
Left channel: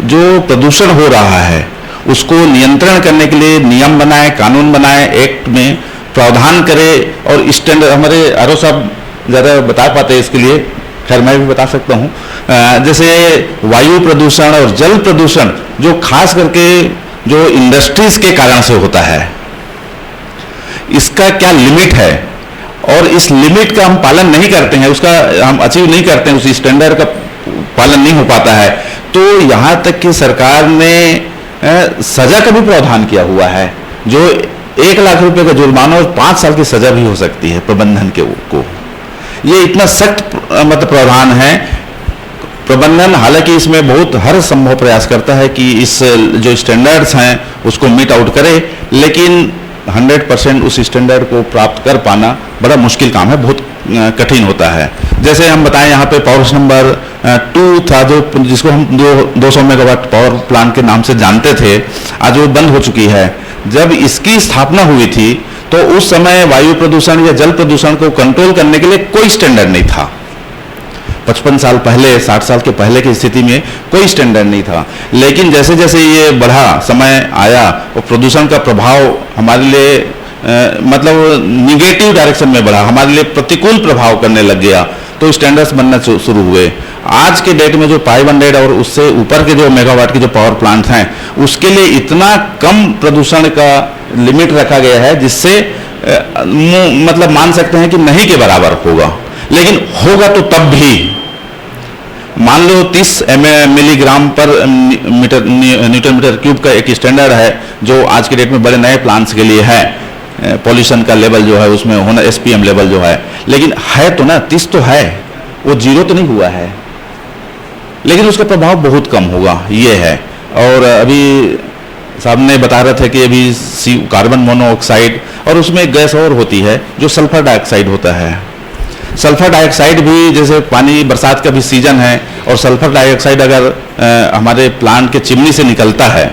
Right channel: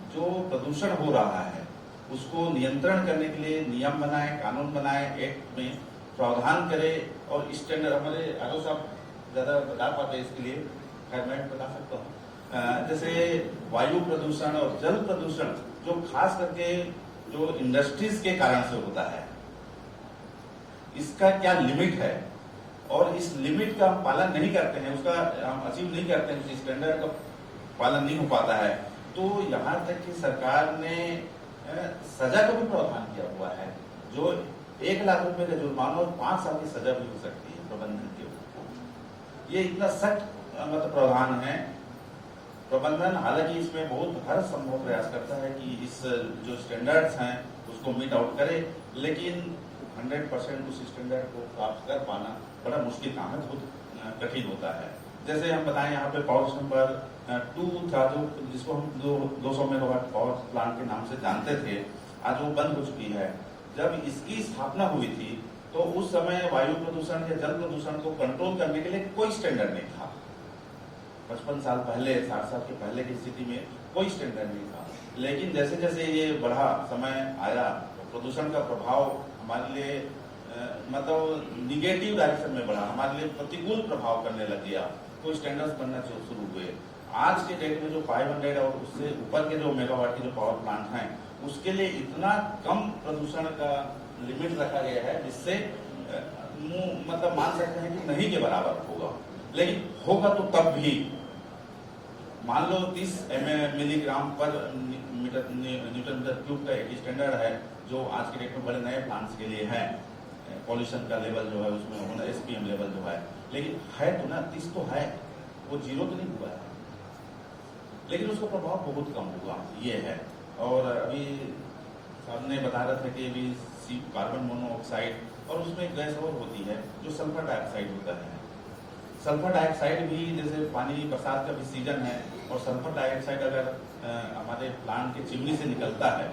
जो प्रदूषण हो रहा है उसको नियंत्रण करने के लिए नियम बनाए, कानून बनाए, एक्ट में प्रावधान करे। और स्टैंडर्ड हमारे आरओ साहब ज़्यादा बता पाते हैं इसके लिए, खैर मैं भी बता सकता हूँ। जैसे वायु प्रदूषण और जल प्रदूषण जो खास करके जो इंडस्ट्रीज के कारण से होता है, इसका क्या लिमिट है, और इस लिमिट का हम पालन नहीं करते हैं, उसका हम अचीव नहीं करते हैं, उस स्टैंडर्ड का पालन नहीं हो पाता है, तो यहाँ तक कि सरकार ने सजा का भी प्रावधान किया हुआ है, जो 1 लाख रुपए का जुर्माना और 5 साल की सजा भी हो सकती है प्रबंधन के को। ये इतना सख्त मतलब प्रावधान है। प्रबंधन हालांकि इसमें बहुत हर संभव प्रयास करता है कि इस जो स्टैंडर्ड्स हैं उसको मीट आउट करे, लेकिन 100% उस स्टैंडर्ड को प्राप्त कर पाना बड़ा मुश्किल काम है, बहुत कठिन होता है। जैसे हम बताएं, यहाँ पे पावर नंबर 2 था जिसको हम 200 मेगावाट पावर प्लांट के नाम से जानते थे, आज वो बंद हो चुकी है। जब इसकी स्थापना हुई थी तो उस समय वायु प्रदूषण या जल प्रदूषण को कंट्रोल करने के लिए कोई स्टैंडर्ड नहीं था। 55 साल पहले, 60 साल के पहले की स्थिति में कोई स्टैंडर्ड नहीं था। लेकिन जैसे जैसे ये बढ़ा, समय आया और प्रदूषण का प्रभाव हमारे लिए मतलब निगेटिव डायरेक्शन में बढ़ा, हमारे लिए प्रतिकूल प्रभाव करने लग गया, तो स्टैंडर्ड्स बनना शुरू हुए। आज के डेट में जो 500 और उससे ऊपर के जो मेगावाट के जो पावर प्लांट हैं, उसके लिए इतना कम प्रदूषण का लिमिट रखा गया है जिससे मतलब मान सकते हैं कि नहीं के बराबर होगा। लेकिन होगा तो तब भी मान लो 30 मिलीग्राम पर न्यूटन मीटर क्यूब का एक स्टैंडर्ड है जो आज के डेट में बड़े नए प्लांट्स के लिए है। पॉल्यूशन का लेवल जो है उसमें होना एसपीएम लेवल जो है, लेकिन है तो ना 30 तो है, वो जीरो तो नहीं हुआ है, लेकिन उसका प्रभाव बहुत कम होगा, ये है। और अभी साहब ने बता रहे थे कि अभी कार्बन मोनोऑक्साइड और उसमें एक गैस और होती है जो सल्फर डाइऑक्साइड होता है। सल्फर डाइऑक्साइड भी जैसे पानी बरसात का भी सीजन है और सल्फर डाइऑक्साइड अगर हमारे प्लांट के चिमनी से निकलता है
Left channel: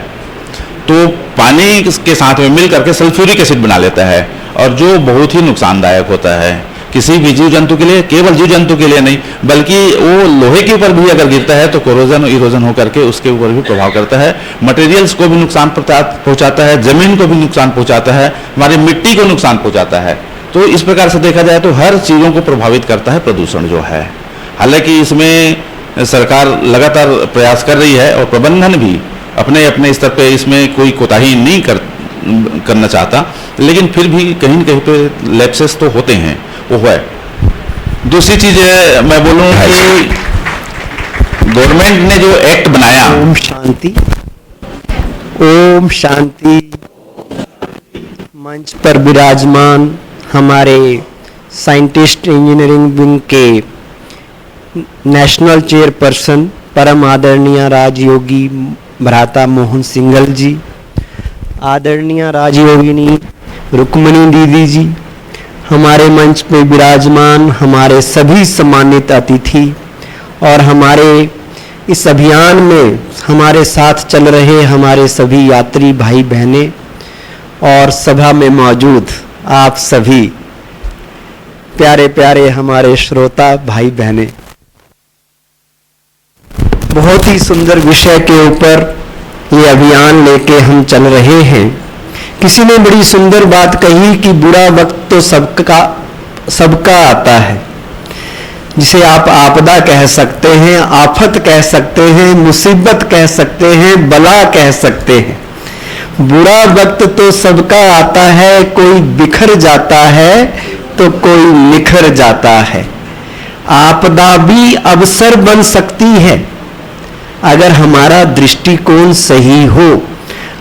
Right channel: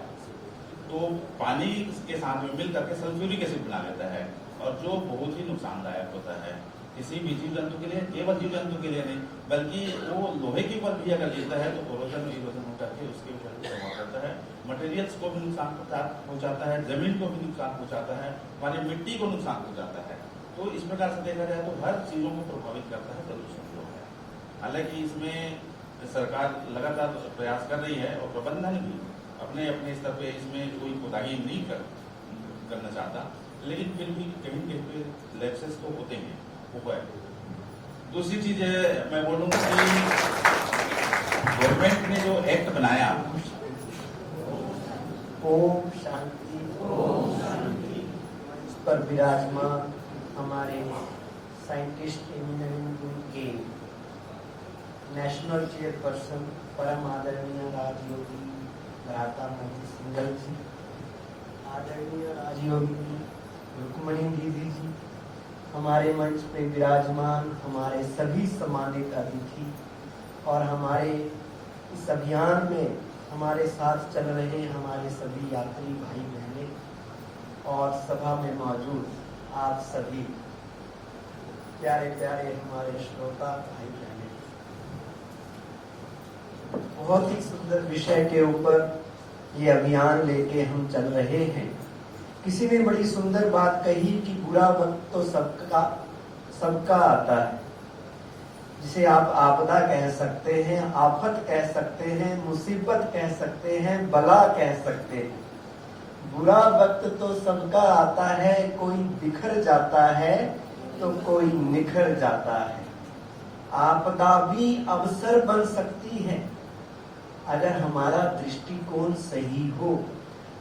तो पानी के साथ में मिल करके सल्फ्यूरिक एसिड बना लेता है, और जो बहुत ही नुकसानदायक होता है किसी भी जीव जंतु के लिए, केवल जीव जंतु के लिए नहीं बल्कि वो लोहे के ऊपर भी अगर गिरता है तो कोरोजन और इरोजन होकर के उसके ऊपर भी प्रभाव करता है, मटेरियल्स को भी नुकसान पहुंचाता है, जमीन को भी नुकसान पहुंचाता है, हमारी मिट्टी को नुकसान पहुंचाता है। तो इस प्रकार से देखा जाए तो हर चीज़ों को प्रभावित करता है प्रदूषण जो है। हालांकि इसमें सरकार लगातार प्रयास कर रही है और प्रबंधन भी अपने अपने स्तर पे इसमें कोई कोताही नहीं करना चाहता, लेकिन फिर भी कहीं न कहीं पे लैप्सेस तो होते हैं, वो है। दूसरी चीज़ मैं बोलूँ कि गवर्नमेंट ने जो एक्ट बनाया, ओम शांति, ओम शांति। मंच पर विराजमान हमारे साइंटिस्ट इंजीनियरिंग विंग के नेशनल चेयरपर्सन परम आदरणीय राजयोगी भ्राता मोहन सिंघल जी, आदरणीय राजयोगिनी रुक्मणी दीदी जी, हमारे मंच पे विराजमान हमारे सभी सम्मानित अतिथि और हमारे इस अभियान में हमारे साथ चल रहे हमारे सभी यात्री भाई बहनें और सभा में मौजूद आप सभी प्यारे प्यारे हमारे श्रोता भाई बहनें, बहुत ही सुंदर विषय के ऊपर ये अभियान लेके हम चल रहे हैं। किसी ने बड़ी सुंदर बात कही कि बुरा वक्त तो सबका आता है, जिसे आप आपदा कह सकते हैं, आफत कह सकते हैं, मुसीबत कह सकते हैं, बला कह सकते हैं। बुरा वक्त तो सबका आता है, कोई बिखर जाता है तो कोई निखर जाता है। आपदा भी अवसर बन सकती है अगर हमारा दृष्टिकोण सही हो,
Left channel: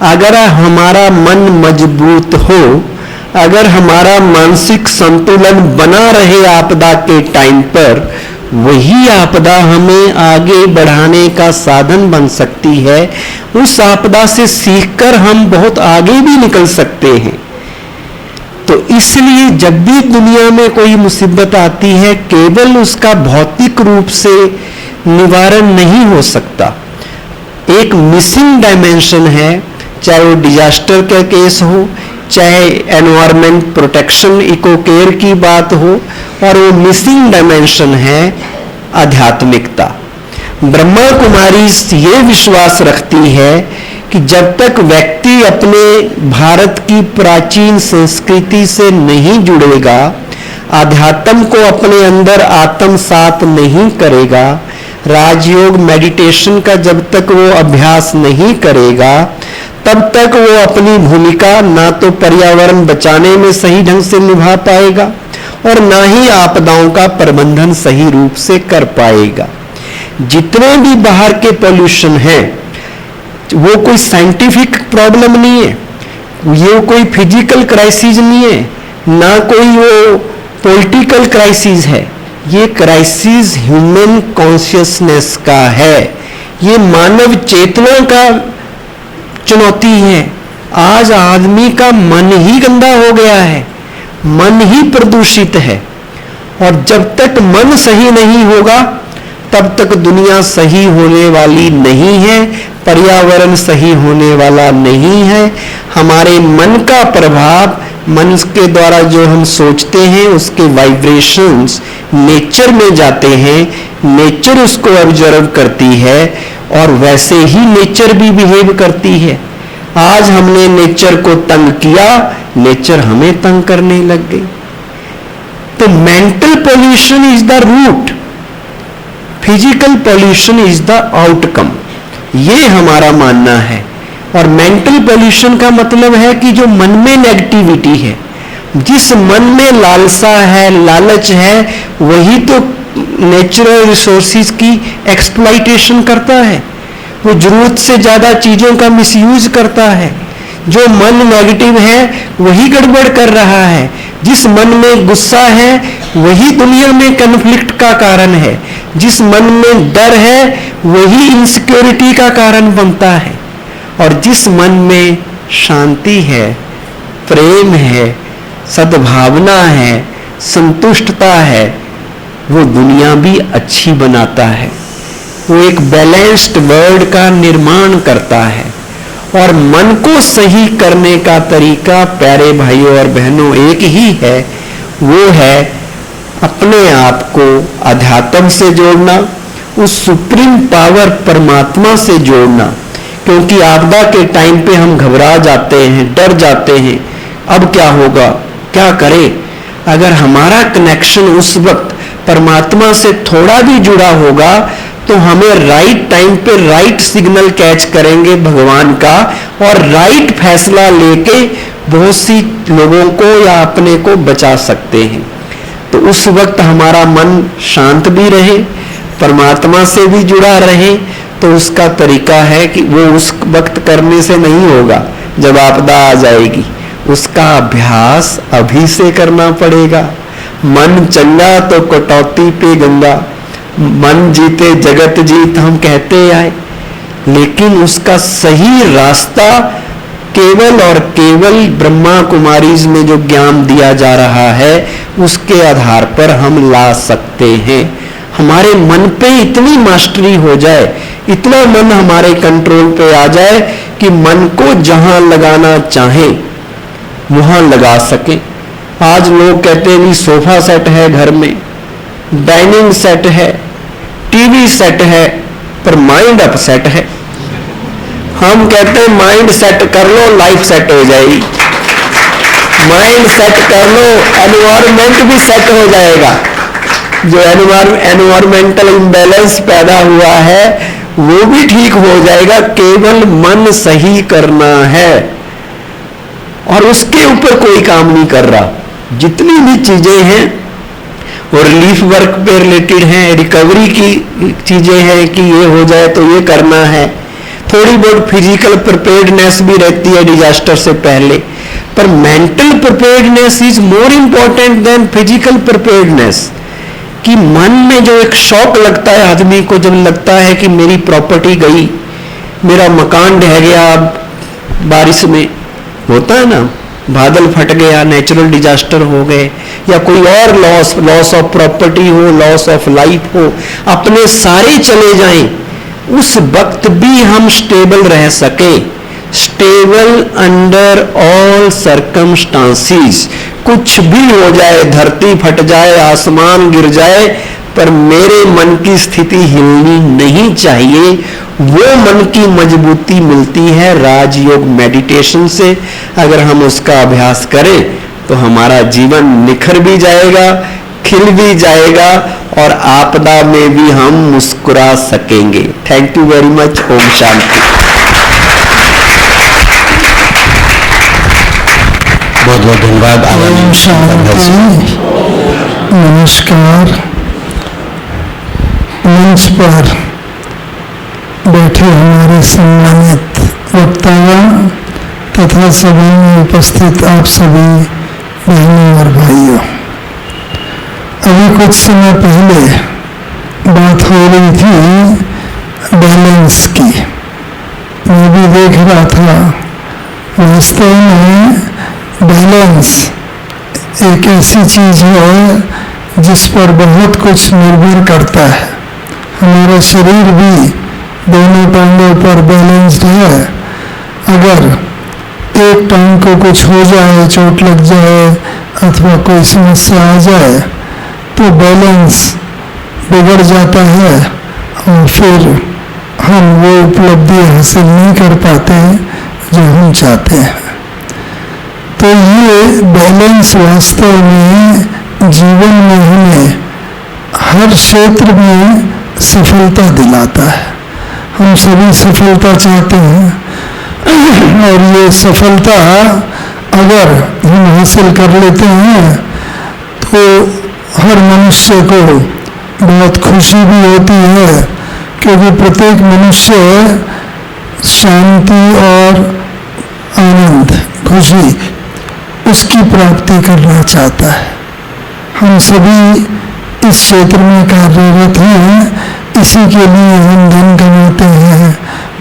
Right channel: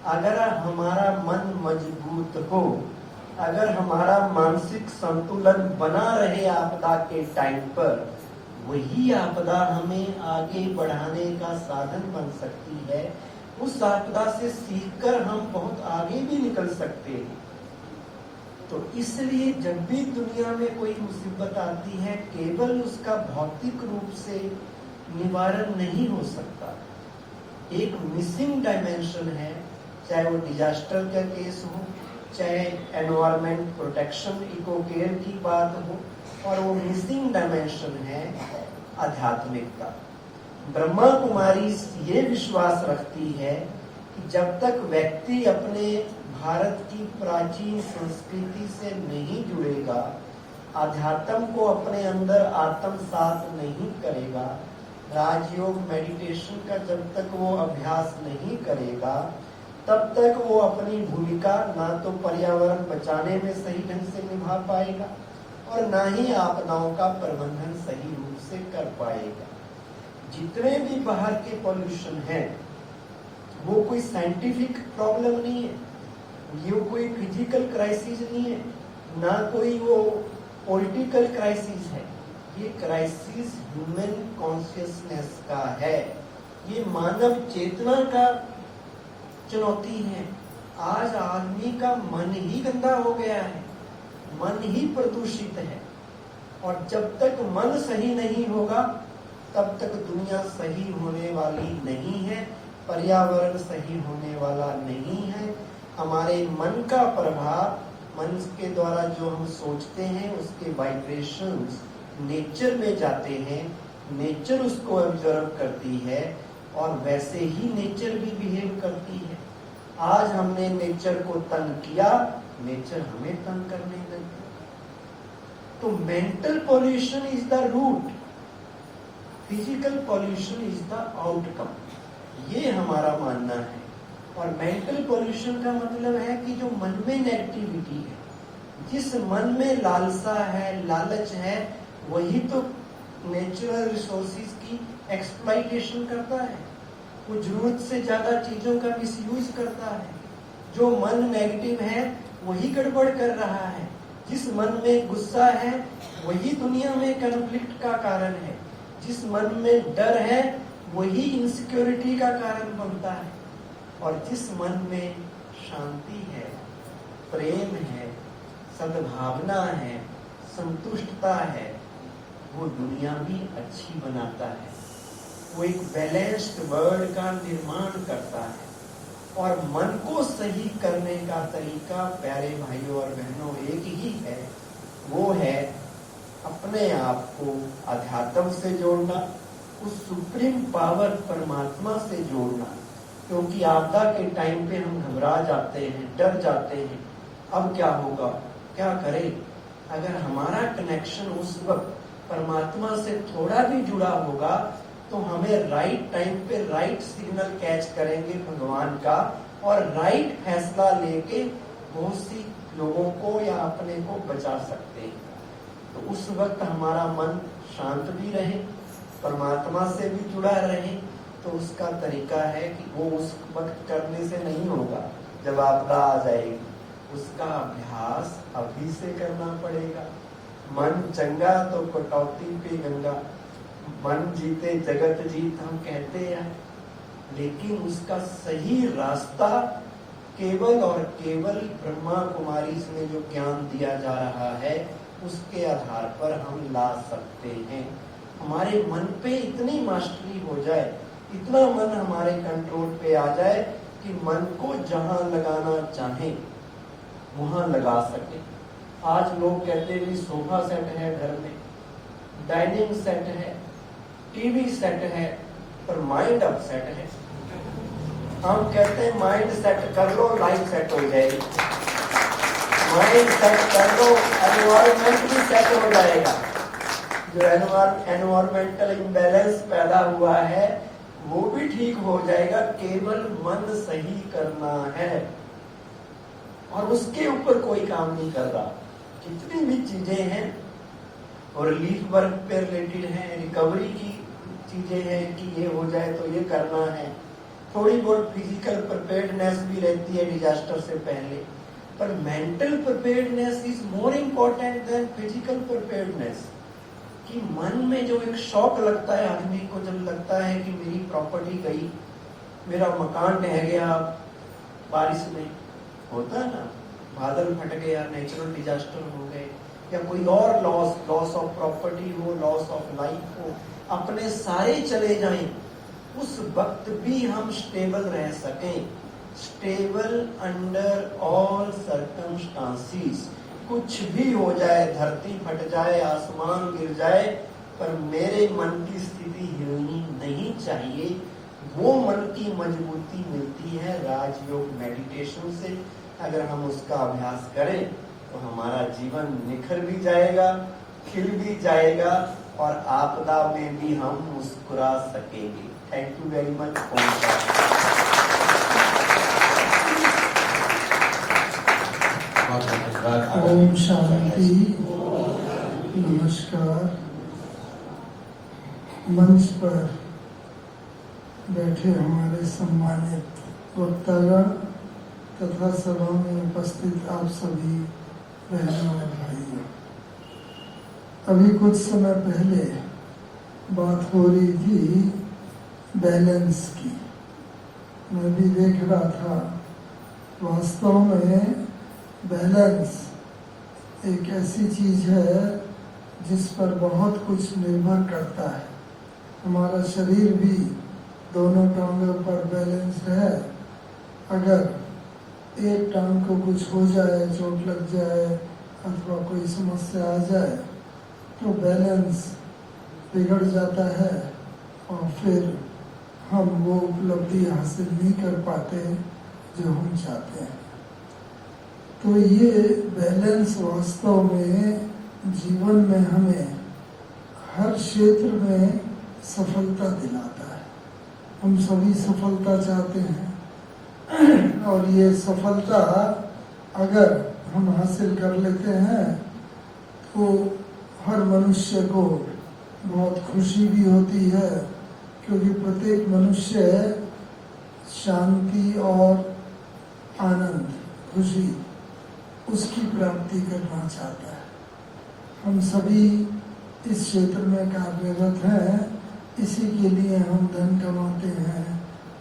अगर हमारा मन मजबूत हो, अगर हमारा मानसिक संतुलन बना रहे आपदा के टाइम पर, वही आपदा हमें आगे बढ़ाने का साधन बन सकती है। उस आपदा से सीखकर हम बहुत आगे भी निकल सकते हैं। तो इसलिए जब भी दुनिया में कोई मुसीबत आती है, केवल उसका भौतिक रूप से निवारण नहीं हो सकता, एक मिसिंग डायमेंशन है, चाहे वो डिजास्टर का केस हो, चाहे एनवायरमेंट प्रोटेक्शन इको केयर की बात हो, और वो मिसिंग डायमेंशन है आध्यात्मिकता। ब्रह्मा कुमारी ये विश्वास रखती है कि जब तक व्यक्ति अपने भारत की प्राचीन संस्कृति से नहीं जुड़ेगा, आध्यात्म को अपने अंदर आत्मसात नहीं करेगा, राजयोग मेडिटेशन का जब तक वो अभ्यास नहीं करेगा, तब तक वो अपनी भूमिका ना तो पर्यावरण बचाने में सही ढंग से निभा पाएगा और ना ही आपदाओं का प्रबंधन सही रूप से कर पाएगा। जितने भी बाहर के पॉल्यूशन हैं, वो कोई साइंटिफिक प्रॉब्लम नहीं है, ये कोई फिजिकल क्राइसिस नहीं है, ना कोई वो पॉलिटिकल क्राइसिस है, ये क्राइसिस ह्यूमन कॉन्शियसनेस का है, ये मानव चेतना का चुनौती है। आज आदमी का मन ही गंदा हो गया है, मन ही प्रदूषित है, और जब तक मन सही नहीं होगा तब तक दुनिया सही होने वाली नहीं है। पर्यावरण सही होने वाला नहीं है। हमारे मन का प्रभाव, मन के द्वारा जो हम सोचते हैं उसके वाइब्रेशंस नेचर में जाते हैं, नेचर उसको ऑब्जर्व करती है और वैसे ही नेचर भी बिहेव करती है। आज हमने नेचर को तंग किया, नेचर हमें तंग करने लग गई। तो mental pollution is the root, physical pollution is the outcome, ये हमारा मानना है। और मेंटल पॉल्यूशन का मतलब है कि जो मन में नेगेटिविटी है, जिस मन में लालसा है, लालच है, वही तो नेचुरल रिसोर्सेज की एक्सप्लॉइटेशन करता है, वो जरूरत से ज्यादा चीजों का मिसयूज करता है। जो मन नेगेटिव है वही गड़बड़ कर रहा है। जिस मन में गुस्सा है वही दुनिया में कन्फ्लिक्ट का कारण है। जिस मन में डर है वही इनसिक्योरिटी का कारण बनता है। और जिस मन में शांति है, प्रेम है, सद्भावना है, संतुष्टता है, वो दुनिया भी अच्छी बनाता है। वो एक बैलेंस्ड वर्ल्ड का निर्माण करता है। और मन को सही करने का तरीका प्यारे भाइयों और बहनों एक ही है, वो है अपने आप को अध्यात्म से जोड़ना, उस सुप्रीम पावर परमात्मा से जोड़ना। क्योंकि आपदा के टाइम पे हम घबरा जाते हैं, डर जाते हैं, अब क्या होगा, क्या करें। अगर हमारा कनेक्शन उस वक्त परमात्मा से थोड़ा भी जुड़ा होगा तो हमें राइट टाइम पे राइट सिग्नल कैच करेंगे भगवान का, और राइट फैसला लेके बहुत सी लोगों को या अपने को बचा सकते हैं। तो उस वक्त हमारा मन शांत भी रहे, परमात्मा से भी जुड़ा रहे। तो उसका तरीका है कि वो उस वक्त करने से नहीं होगा जब आपदा आ जाएगी, उसका अभ्यास अभी से करना पड़ेगा। मन चंगा तो कटौती पे गंगा, मन जीते जगत जीत हम कहते आए, लेकिन उसका सही रास्ता केवल और केवल ब्रह्मा कुमारीज में जो ज्ञान दिया जा रहा है उसके आधार पर हम ला सकते हैं। हमारे मन पे इतनी मास्टरी हो जाए, इतना मन हमारे कंट्रोल पे आ जाए कि मन को जहां लगाना चाहे वहां लगा सके। आज लोग कहते हैं भी सोफा सेट है घर में, डाइनिंग सेट है, टीवी सेट है, पर माइंड अपसेट है। हम कहते हैं माइंड सेट कर लो, लाइफ सेट हो जाएगी। माइंड सेट कर लो, एनवायरमेंट भी सेट हो जाएगा। जो एनवायरमेंटल इम्बैलेंस पैदा हुआ है वो भी ठीक हो जाएगा। केवल मन सही करना है और उसके ऊपर कोई काम नहीं कर रहा। जितनी भी चीजें हैं वो रिलीफ वर्क पे रिलेटेड हैं, रिकवरी की चीजें हैं कि ये हो जाए तो ये करना है। थोड़ी बहुत फिजिकल प्रिपेयर्डनेस भी रहती है डिजास्टर से पहले, पर mental preparedness is more important than physical preparedness. कि मन में जो एक शौक लगता है आदमी को, जब लगता है कि मेरी प्रॉपर्टी गई, मेरा मकान ढह गया बारिश में, होता है ना, बादल फट गया, नेचुरल डिजास्टर हो गए, या कोई और लॉस ऑफ प्रॉपर्टी हो, लॉस ऑफ लाइफ हो, अपने सारे चले जाएं, उस वक्त भी हम स्टेबल रह सके। Stable under all circumstances. कुछ भी हो जाए, धरती फट जाए, आसमान गिर जाए, पर मेरे मन की स्थिति हिलनी नहीं चाहिए। वो मन की मजबूती मिलती है राजयोग मेडिटेशन से। अगर हम उसका अभ्यास करें तो हमारा जीवन निखर भी जाएगा, खिल भी जाएगा, और आपदा में भी हम मुस्कुरा सकेंगे। Thank you very much. ओम शांति। बहुत बहुत धन्यवाद। ओम शांति। नमस्कार। मंच पर बैठे हमारे सम्मानित वक्तागण तथा सभा में उपस्थित आप सभी बहनों और भाइयों, अभी कुछ समय पहले बात हो रही थी बैलेंस की। मैं भी देख रहा था, वास्तव में बैलेंस एक ऐसी चीज है जिस पर बहुत कुछ निर्भर करता है। हमारा शरीर भी दोनों टांगों पर बैलेंस्ड है। अगर एक टांग को कुछ हो जाए, चोट लग जाए अथवा कोई समस्या आ जाए तो बैलेंस बिगड़ जाता है और फिर हम वो उपलब्धि हासिल नहीं कर पाते जो हम चाहते हैं। तो ये बैलेंस वास्तव में जीवन में हमें हर क्षेत्र में सफलता दिलाता है। हम सभी सफलता चाहते हैं और ये सफलता अगर हम हासिल कर लेते हैं तो हर मनुष्य को बहुत खुशी भी होती है, क्योंकि प्रत्येक मनुष्य शांति और आनंद, खुशी उसकी प्राप्ति करना चाहता है। हम सभी इस क्षेत्र में कार्यरत हैं, इसी के लिए हम धन कमाते हैं,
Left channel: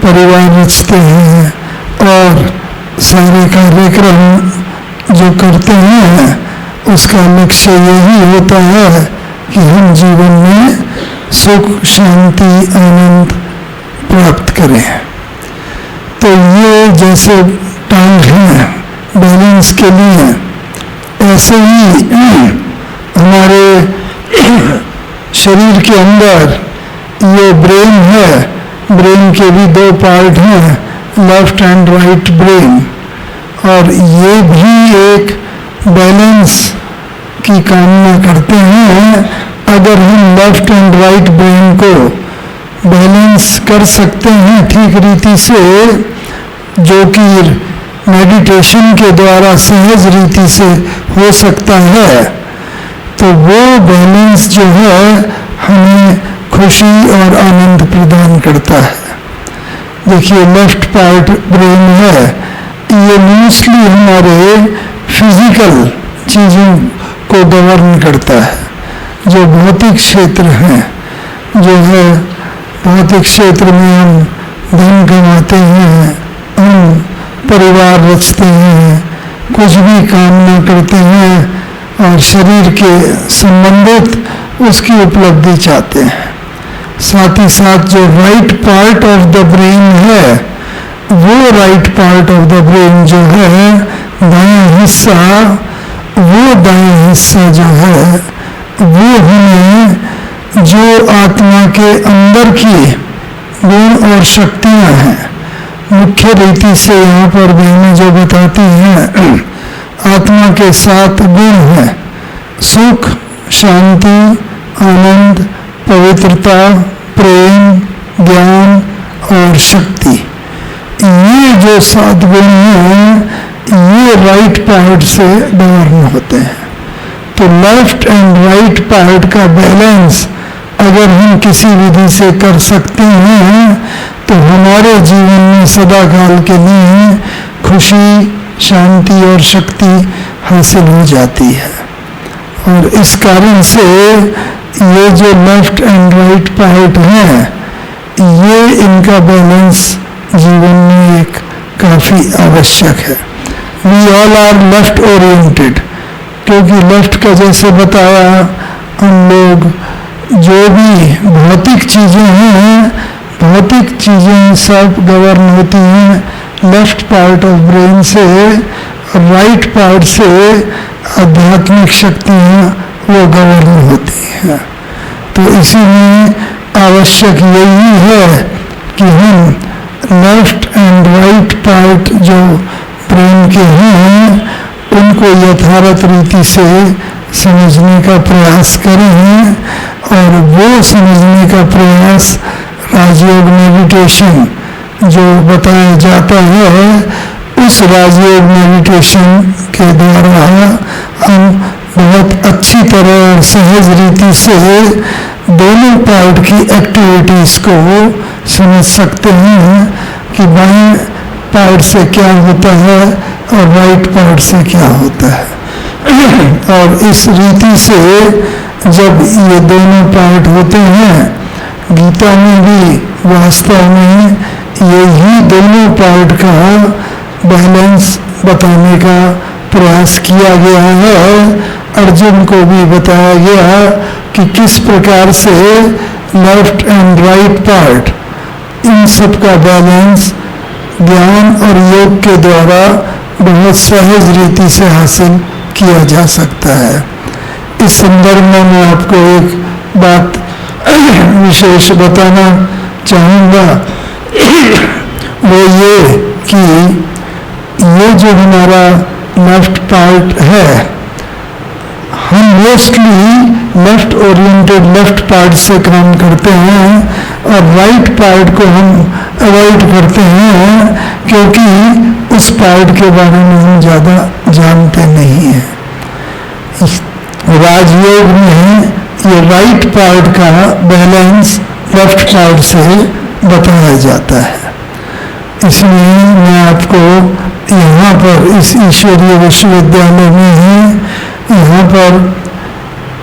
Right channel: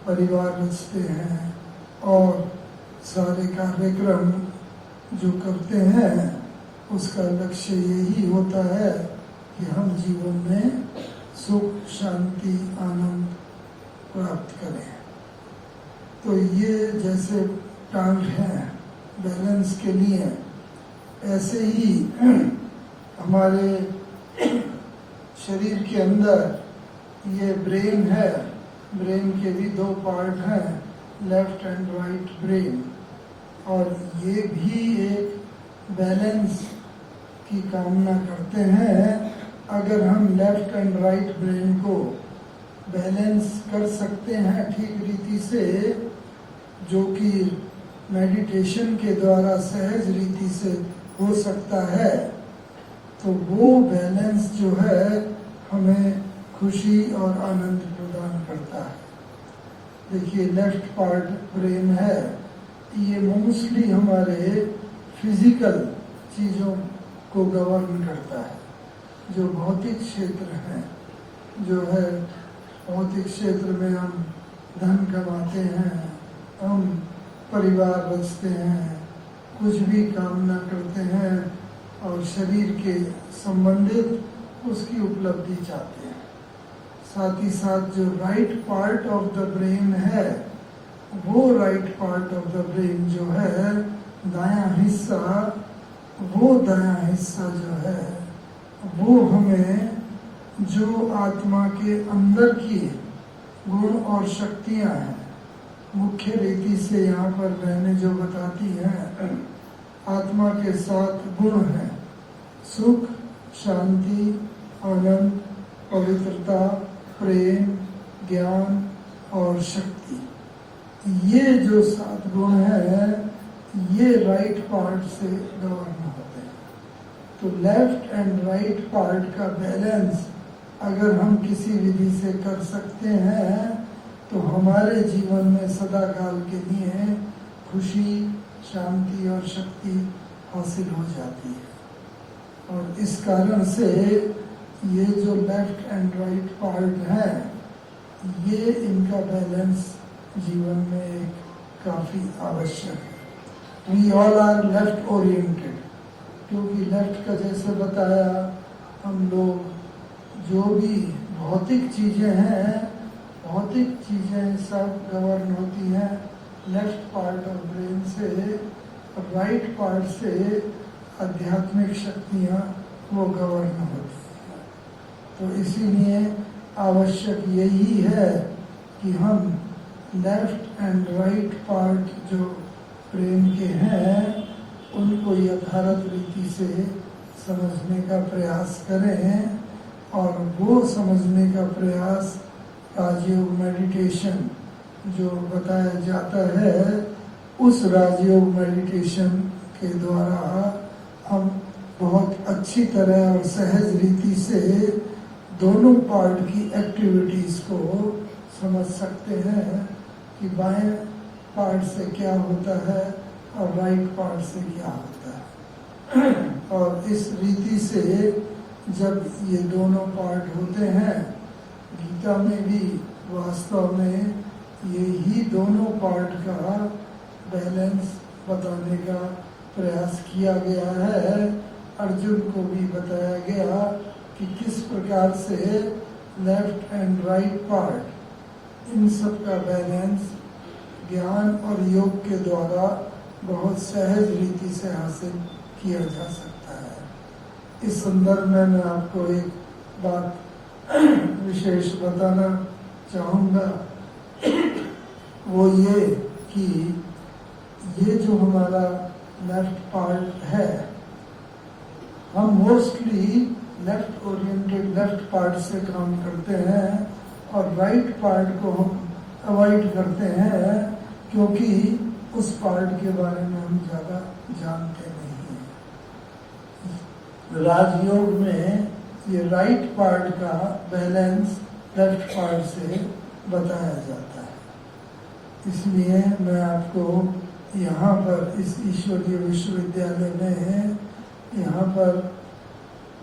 परिवार रचते हैं और सारे कार्यक्रम जो करते हैं उसका लक्ष्य यही होता है कि हम जीवन में सुख, शांति, आनंद प्राप्त करें। तो ये जैसे टांग हैं बैलेंस के लिए, ऐसे ही हमारे शरीर के अंदर ये ब्रेन है। ब्रेन के भी दो पार्ट हैं, लेफ्ट एंड राइट ब्रेन, और ये भी एक बैलेंस की कामना करते हैं। अगर हम लेफ्ट एंड राइट ब्रेन को बैलेंस कर सकते हैं ठीक रीति से, जो कि मेडिटेशन के द्वारा सहज रीति से हो सकता है, तो वो बैलेंस जो है हमें खुशी और आनंद प्रदान करता है। देखिए लेफ्ट पार्ट ब्रेन है, ये मोस्टली हमारे फिजिकल चीज़ों को गवर्न करता है। जो भौतिक क्षेत्र हैं, जो है भौतिक क्षेत्र में हम धन कमाते हैं, हम परिवार रचते हैं, कुछ भी कामना करते हैं और शरीर के संबंधित उसकी उपलब्धि चाहते हैं। साथ ही साथ जो right part of the brain है, वो right part of the brain जो है दायां हिस्सा, वो दायां हिस्सा जो है वो हमें जो आत्मा के अंदर की गुण और शक्तियाँ हैं, मुख्य रीति से यहाँ पर बहनें जो बताती हैं, आत्मा के 7 गुण हैं, सुख, शांति, आनंद, पवित्रता, प्रेम, ज्ञान और शक्ति। ये जो 7 गुण हैं ये राइट पार्ट से गवर्न होते हैं। तो लेफ्ट एंड राइट पार्ट का बैलेंस अगर हम किसी विधि से कर सकते हैं तो हमारे जीवन में सदा काल के लिए खुशी, शांति और शक्ति हासिल हो जाती है। और इस कारण से ये जो लेफ्ट एंड राइट पार्ट हैं, ये इनका बैलेंस जीवन में एक काफ़ी आवश्यक है। We all are left oriented, क्योंकि लेफ्ट का जैसे बताया, हम लोग जो भी भौतिक चीज़ें हैं, भौतिक चीज़ें सब गवर्न होती हैं लेफ्ट पार्ट ऑफ ब्रेन से, राइट पार्ट से आध्यात्मिक शक्तियाँ वो गवर्न होती हैं। तो इसीलिए आवश्यक यही है कि हम लेफ्ट एंड राइट पार्ट जो ब्रेन के हैं उनको यथार्थ रीति से समझने का प्रयास करें, और वो समझने का प्रयास राजयोग मेडिटेशन जो बताया जाता है, उस राजयोग मेडिटेशन के द्वारा हम बहुत अच्छी तरह और सहज रीति से दोनों पार्ट की एक्टिविटीज़ को समझ सकते हैं कि बाएं पार्ट से क्या होता है और राइट पार्ट से क्या होता है। और इस रीति से जब ये दोनों पार्ट होते हैं, गीता में भी वास्तव में यही दोनों पार्ट का बैलेंस बताने का प्रयास किया गया है। अर्जुन को भी बताया गया कि किस प्रकार से left and right part in सब का बैलेंस ज्ञान और योग के द्वारा बहुत सहज रीति से हासिल किया जा सकता है। इस संदर्भ में मैं आपको एक बात विशेष बताना चाहूँगा, वो ये कि ये जो हमारा लेफ्ट पार्ट है, हम mostly left oriented left part से काम करते हैं और राइट पार्ट को हम अवॉइड करते हैं, क्योंकि उस पार्ट के बारे में हम ज़्यादा जानते नहीं हैं। राजयोग में ये राइट पार्ट का बैलेंस लेफ्ट पार्ट से बताया जाता है। इसलिए मैं आपको यहाँ पर इस ईश्वरीय विश्वविद्यालय में यहाँ पर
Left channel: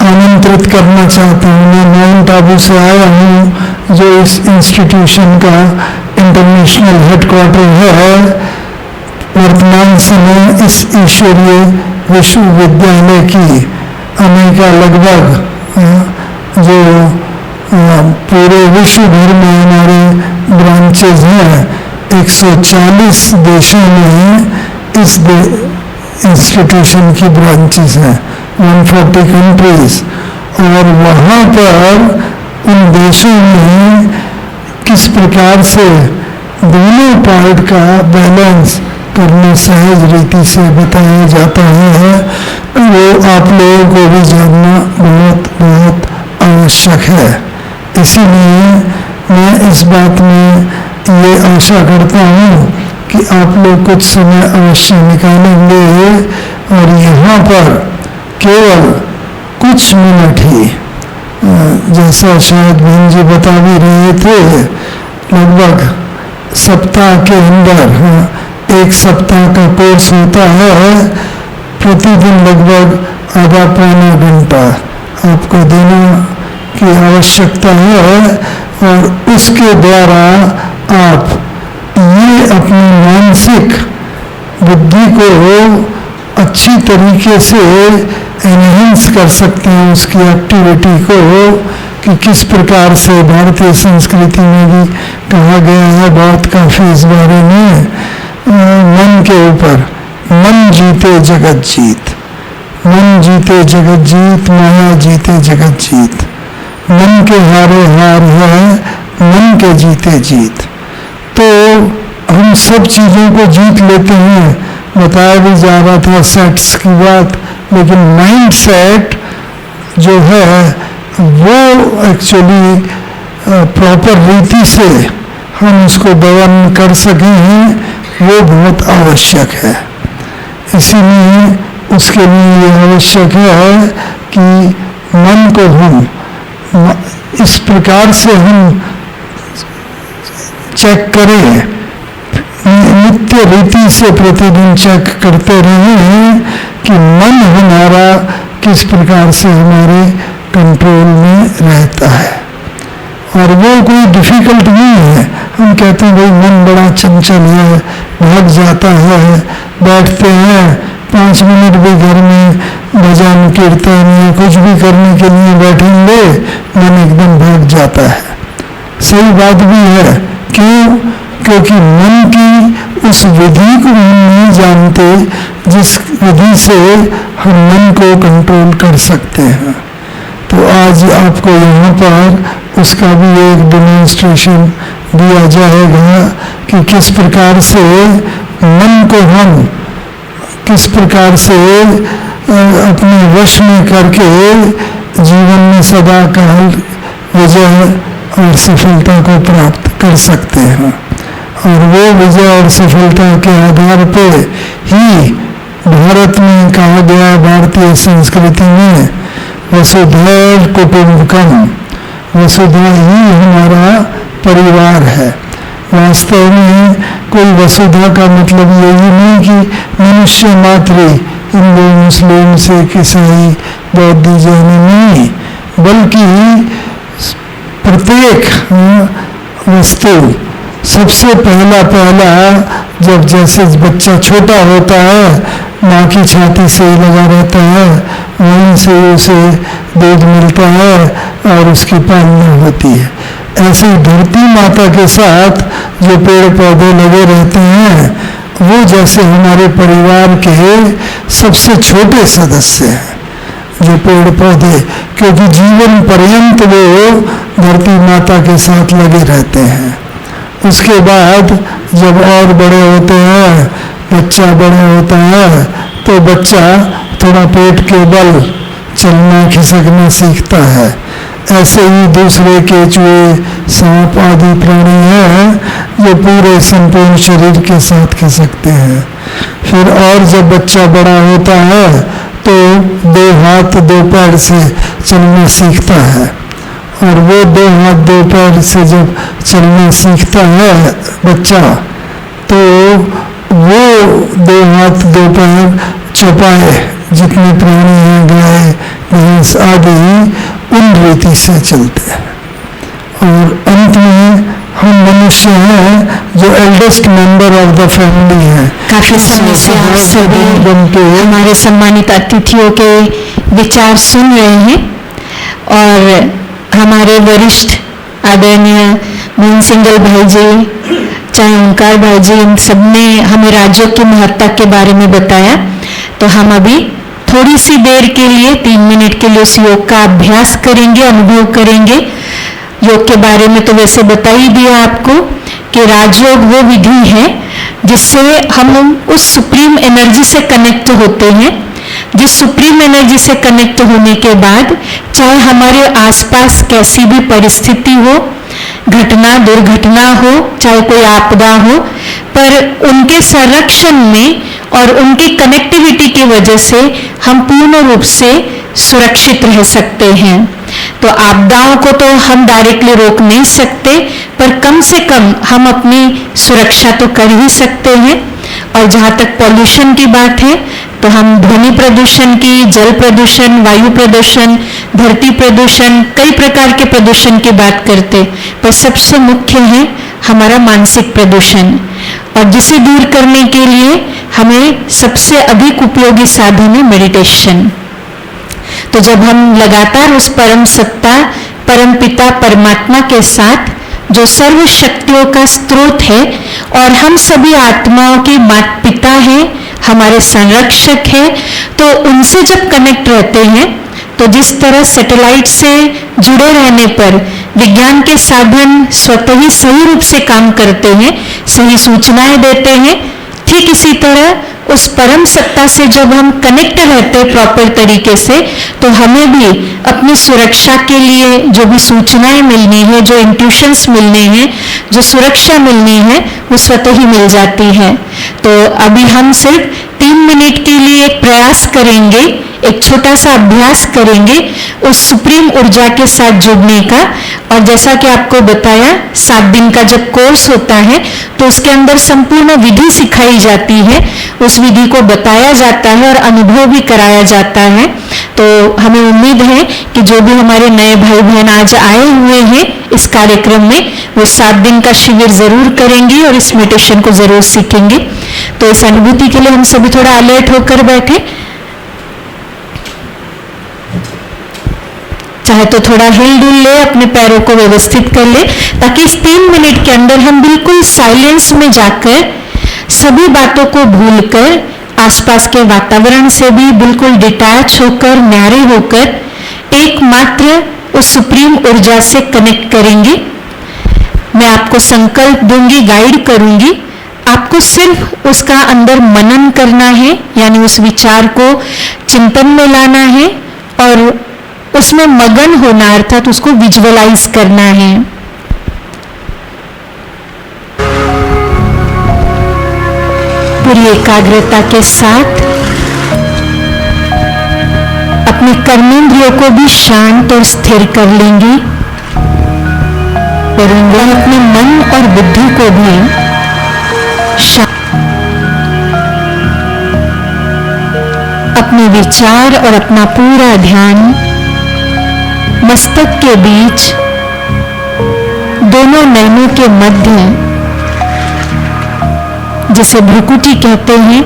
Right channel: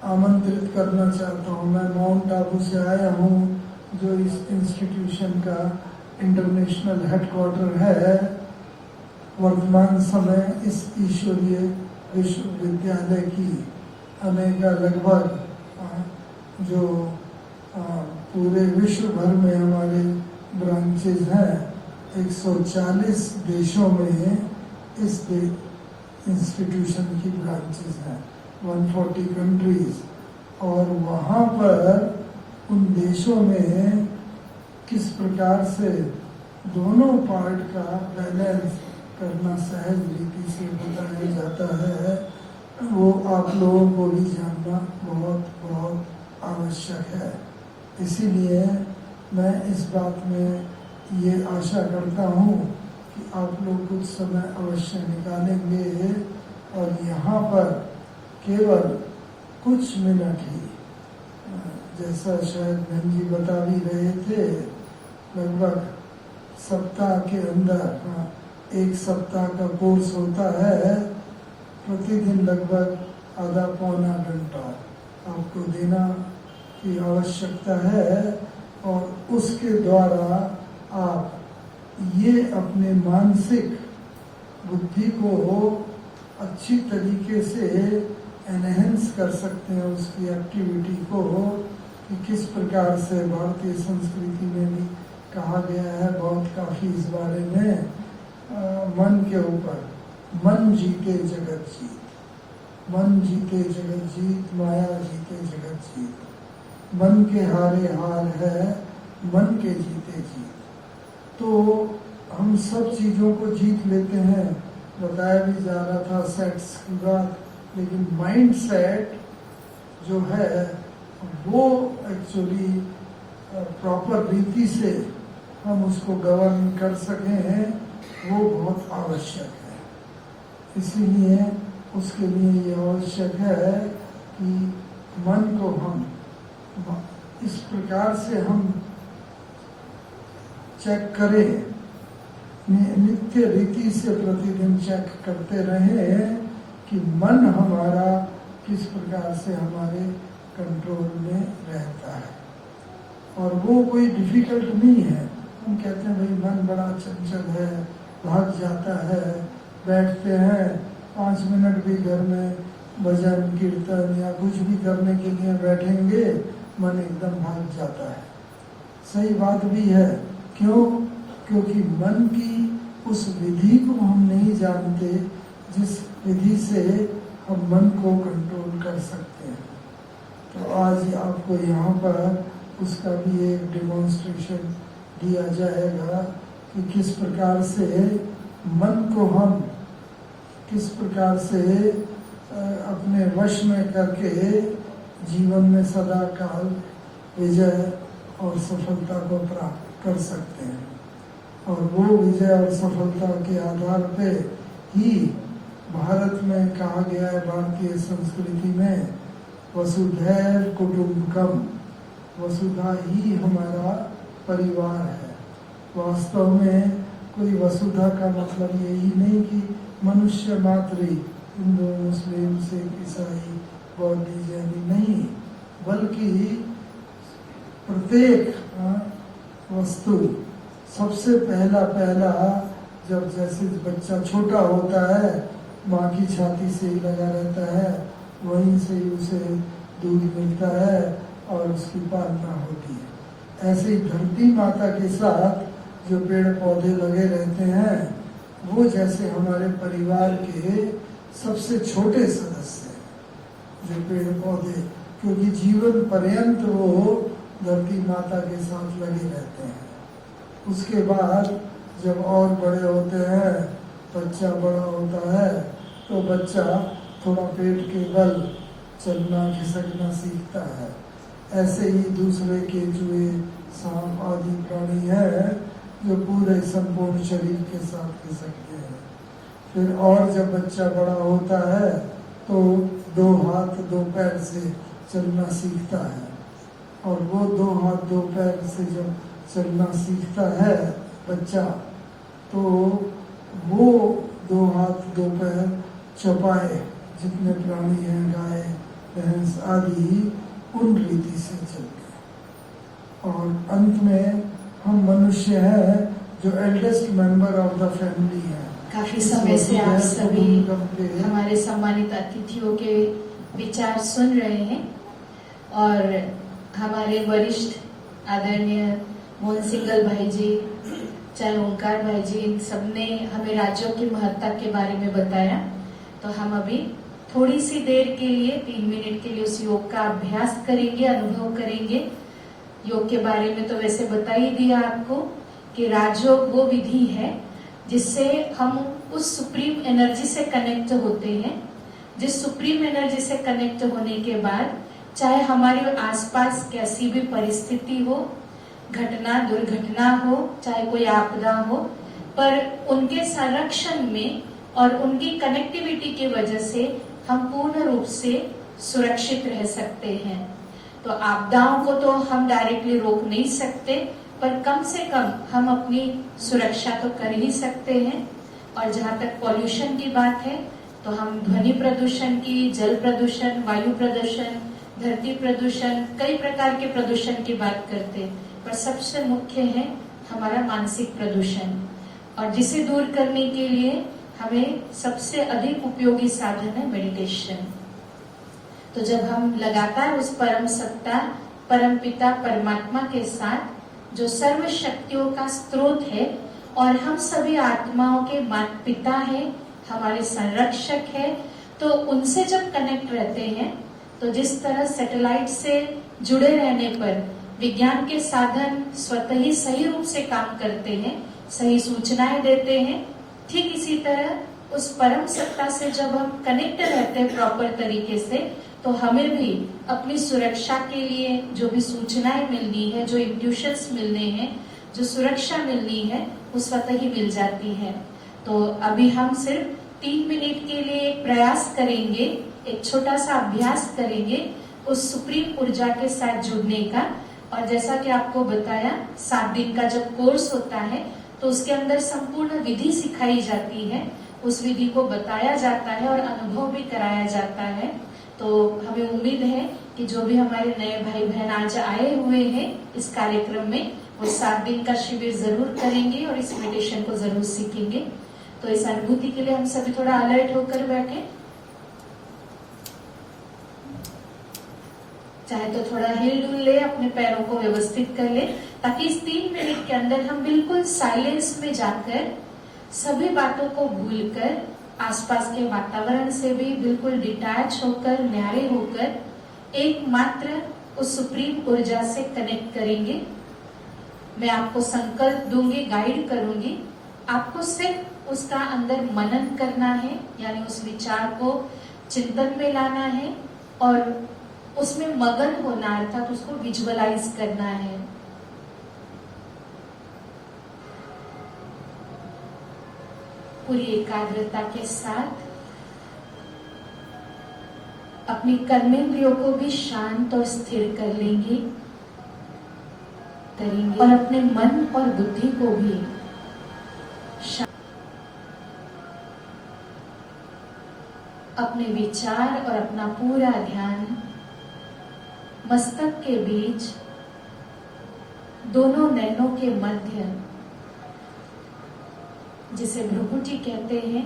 आमंत्रित करना चाहता हूँ। मैं माउंट आबू से आया हूँ, जो इस इंस्टीट्यूशन का इंटरनेशनल हेडक्वार्टर है। वर्तमान समय इस ईश्वरीय विश्वविद्यालय की अमेरिका लगभग जो पूरे विश्व भर में हमारे ब्रांचेज हैं, 140 देशों में इस इंस्टीट्यूशन की ब्रांचेस हैं, 140 कंट्रीज। और वहाँ पर उन देशों में किस प्रकार से दोनों पार्ट का बैलेंस करना सहज रीति से बताया जाता है, वो आप लोगों को भी जानना बहुत बहुत आवश्यक है। इसीलिए मैं इस बात में ये आशा करता हूँ कि आप लोग कुछ समय अवश्य निकालेंगे और यहाँ पर केवल कुछ मिनट ही, जैसा शायद बहन जी बता भी रहे थे, लगभग सप्ताह के अंदर एक सप्ताह का कोर्स होता है, प्रतिदिन लगभग आधा पौना घंटा आपको देने की आवश्यकता है। और उसके द्वारा आप ये अपनी मानसिक बुद्धि को अच्छी तरीके से एनहेंस कर सकते हैं, उसकी एक्टिविटी को, कि किस प्रकार से भारतीय संस्कृति में भी कहा गया है बहुत काफ़ी इस बारे में, मन के ऊपर, मन जीते जगत जीत, मन जीते जगत जीत, माया जीते जगत जीत, मन के हारे हार है, मन के जीते जीत। तो हम सब चीज़ों को जीत लेते हैं, बताया भी जा रहा था सेट्स की बात, लेकिन माइंड सेट जो है वो एक्चुअली प्रॉपर रीति से हम उसको गवर्न कर सकें, वो बहुत आवश्यक है। इसीलिए उसके लिए ये आवश्यक है कि मन को हम इस प्रकार से हम चेक करें, नित्य रीति से प्रतिदिन चेक करते रहें कि मन हमारा किस प्रकार से हमारे कंट्रोल में रहता है। और वो कोई डिफिकल्ट नहीं है। हम कहते हैं भाई मन बड़ा चंचल है, भाग जाता है, बैठते हैं 5 मिनट भी घर में भजन कीर्तन या कुछ भी करने के लिए बैठेंगे, मन एकदम भाग जाता है। सही बात भी है। क्यों? क्योंकि मन की उस विधि को हम नहीं जानते जिस विधि से हम मन को कंट्रोल कर सकते हैं। तो आज आपको यहाँ पर उसका भी एक डेमोन्स्ट्रेशन दिया जाएगा कि किस प्रकार से मन को हम किस प्रकार से अपने वश में करके जीवन में सदा काल विजय और सफलता को प्राप्त कर सकते हैं। और वो विजय और सफलता के आधार पे ही भारत में कहा गया, भारतीय संस्कृति में, वसुधैव कुटुंबकम, वसुधा ही हमारा परिवार है। वास्तव में कोई वसुधा का मतलब यही नहीं कि मनुष्य मात्र, हिंदू मुस्लिम सिख ईसाई बौद्ध जैन नहीं, बल्कि प्रत्येक वस्तु सबसे पहला जब जैसे बच्चा छोटा होता है, माँ की छाती से ही लगा रहता है, वहीं से उसे दूध मिलता है और उसकी पालना होती है। ऐसे ही धरती माता के साथ जो पेड़ पौधे लगे रहते हैं वो जैसे हमारे परिवार के सबसे छोटे सदस्य हैं जो पेड़ पौधे, क्योंकि जीवन पर्यंत वो धरती माता के साथ लगे रहते हैं। उसके बाद जब और बड़े होते हैं, बच्चा बड़ा होता है, तो बच्चा थोड़ा पेट के बल चलना खिसकना सीखता है। ऐसे ही दूसरे केचुए, सांप आदि प्राणी हैं जो पूरे संपूर्ण शरीर के साथ खिसकते हैं। फिर और जब बच्चा बड़ा होता है तो 2 हाथ 2 पैर से चलना सीखता है, और वो 2 हाथ 2 पैर से जब चलना सीखता है बच्चा, तो वो 2 हाथ 2 पैर चौपाए जितने प्राणी हैं, गाय भैंस आदि, उन रीति से चलते हैं। और अंत में हम मनुष्य हैं जो eldest member of the family हैं। काफी समय से आप सभी हमारे सम्मानित अतिथियों के विचार सुन रहे हैं, और हमारे वरिष्ठ आदरणीय मोहन सिंगल भाई जी, चाहे ओंकार भाई जी, इन सब ने हमें राजयोग की महत्ता के बारे में बताया। तो हम अभी थोड़ी सी देर के लिए 3 मिनट के लिए उस योग का अभ्यास करेंगे, अनुभव करेंगे। योग के बारे में तो वैसे बता ही दिया आपको कि राजयोग वो विधि है जिससे हम उस सुप्रीम एनर्जी से कनेक्ट होते हैं, जिस सुप्रीम एनर्जी से कनेक्ट होने के बाद चाहे हमारे आसपास कैसी भी परिस्थिति हो, घटना दुर्घटना हो, चाहे कोई आपदा हो, पर उनके संरक्षण में और उनकी कनेक्टिविटी की वजह से हम पूर्ण रूप से सुरक्षित रह सकते हैं। तो आपदाओं को तो हम डायरेक्टली रोक नहीं सकते, पर कम से कम हम अपनी सुरक्षा तो कर ही सकते हैं। और जहाँ तक पॉल्यूशन की बात है, तो हम ध्वनि प्रदूषण की, जल प्रदूषण, वायु प्रदूषण, धरती प्रदूषण, कई प्रकार के प्रदूषण की बात करते, पर सबसे मुख्य है हमारा मानसिक प्रदूषण, और जिसे दूर करने के लिए हमें सबसे अधिक उपयोगी साधन है मेडिटेशन। तो जब हम लगातार उस परम सत्ता, परम पिता परमात्मा के साथ, जो सर्व शक्तियों का स्रोत है और हम सभी आत्माओं के माता पिता हैं, हमारे संरक्षक हैं, तो उनसे जब कनेक्ट रहते हैं, तो जिस तरह सैटेलाइट से जुड़े रहने पर विज्ञान के साधन स्वतः ही सही रूप से काम करते हैं, सही सूचनाएं देते हैं, ठीक इसी तरह उस परम सत्ता से जब हम कनेक्ट रहते हैं प्रॉपर तरीके से, तो हमें भी अपनी सुरक्षा के लिए जो भी सूचनाएं मिलनी है, जो इंट्यूशंस मिलने हैं, जो सुरक्षा मिलनी है, वो स्वतः ही मिल जाती है। तो अभी हम सिर्फ 3 मिनट के लिए एक प्रयास करेंगे, एक छोटा सा अभ्यास करेंगे उस सुप्रीम ऊर्जा के साथ जुड़ने का। और जैसा कि आपको बताया, 7 दिन का जब कोर्स होता है तो उसके अंदर संपूर्ण विधि सिखाई जाती है, उस विधि को बताया जाता है और अनुभव भी कराया जाता है। तो हमें उम्मीद है कि जो भी हमारे नए भाई बहन आज आए हुए हैं इस कार्यक्रम में, वो 7 दिन का शिविर जरूर करेंगे और इस मेडिटेशन को जरूर सीखेंगे। तो इस अनुभूति के लिए हम सभी थोड़ा अलर्ट होकर बैठे, चाहे तो थोड़ा हिल डुल ले, अपने पैरों को व्यवस्थित कर ले, ताकि इस 3 मिनट के अंदर हम बिल्कुल साइलेंस में जाकर सभी बातों को भूलकर, आसपास के वातावरण से भी बिल्कुल डिटैच होकर, न्यारे होकर एकमात्र उस सुप्रीम ऊर्जा से कनेक्ट करेंगे। मैं आपको संकल्प दूंगी, गाइड करूंगी, आपको सिर्फ उसका अंदर मनन करना है, यानी उस विचार को चिंतन में लाना है और उसमें मगन होना, अर्थात उसको विजुअलाइज करना है। पूरी एकाग्रता के साथ अपने कर्मेंद्रियों को भी शांत और स्थिर कर लेंगे और अपने मन और बुद्धि को भी अपने विचार और अपना पूरा ध्यान मस्तक के बीच दोनों नैनों के मध्य, जिसे भ्रुकुटी कहते हैं,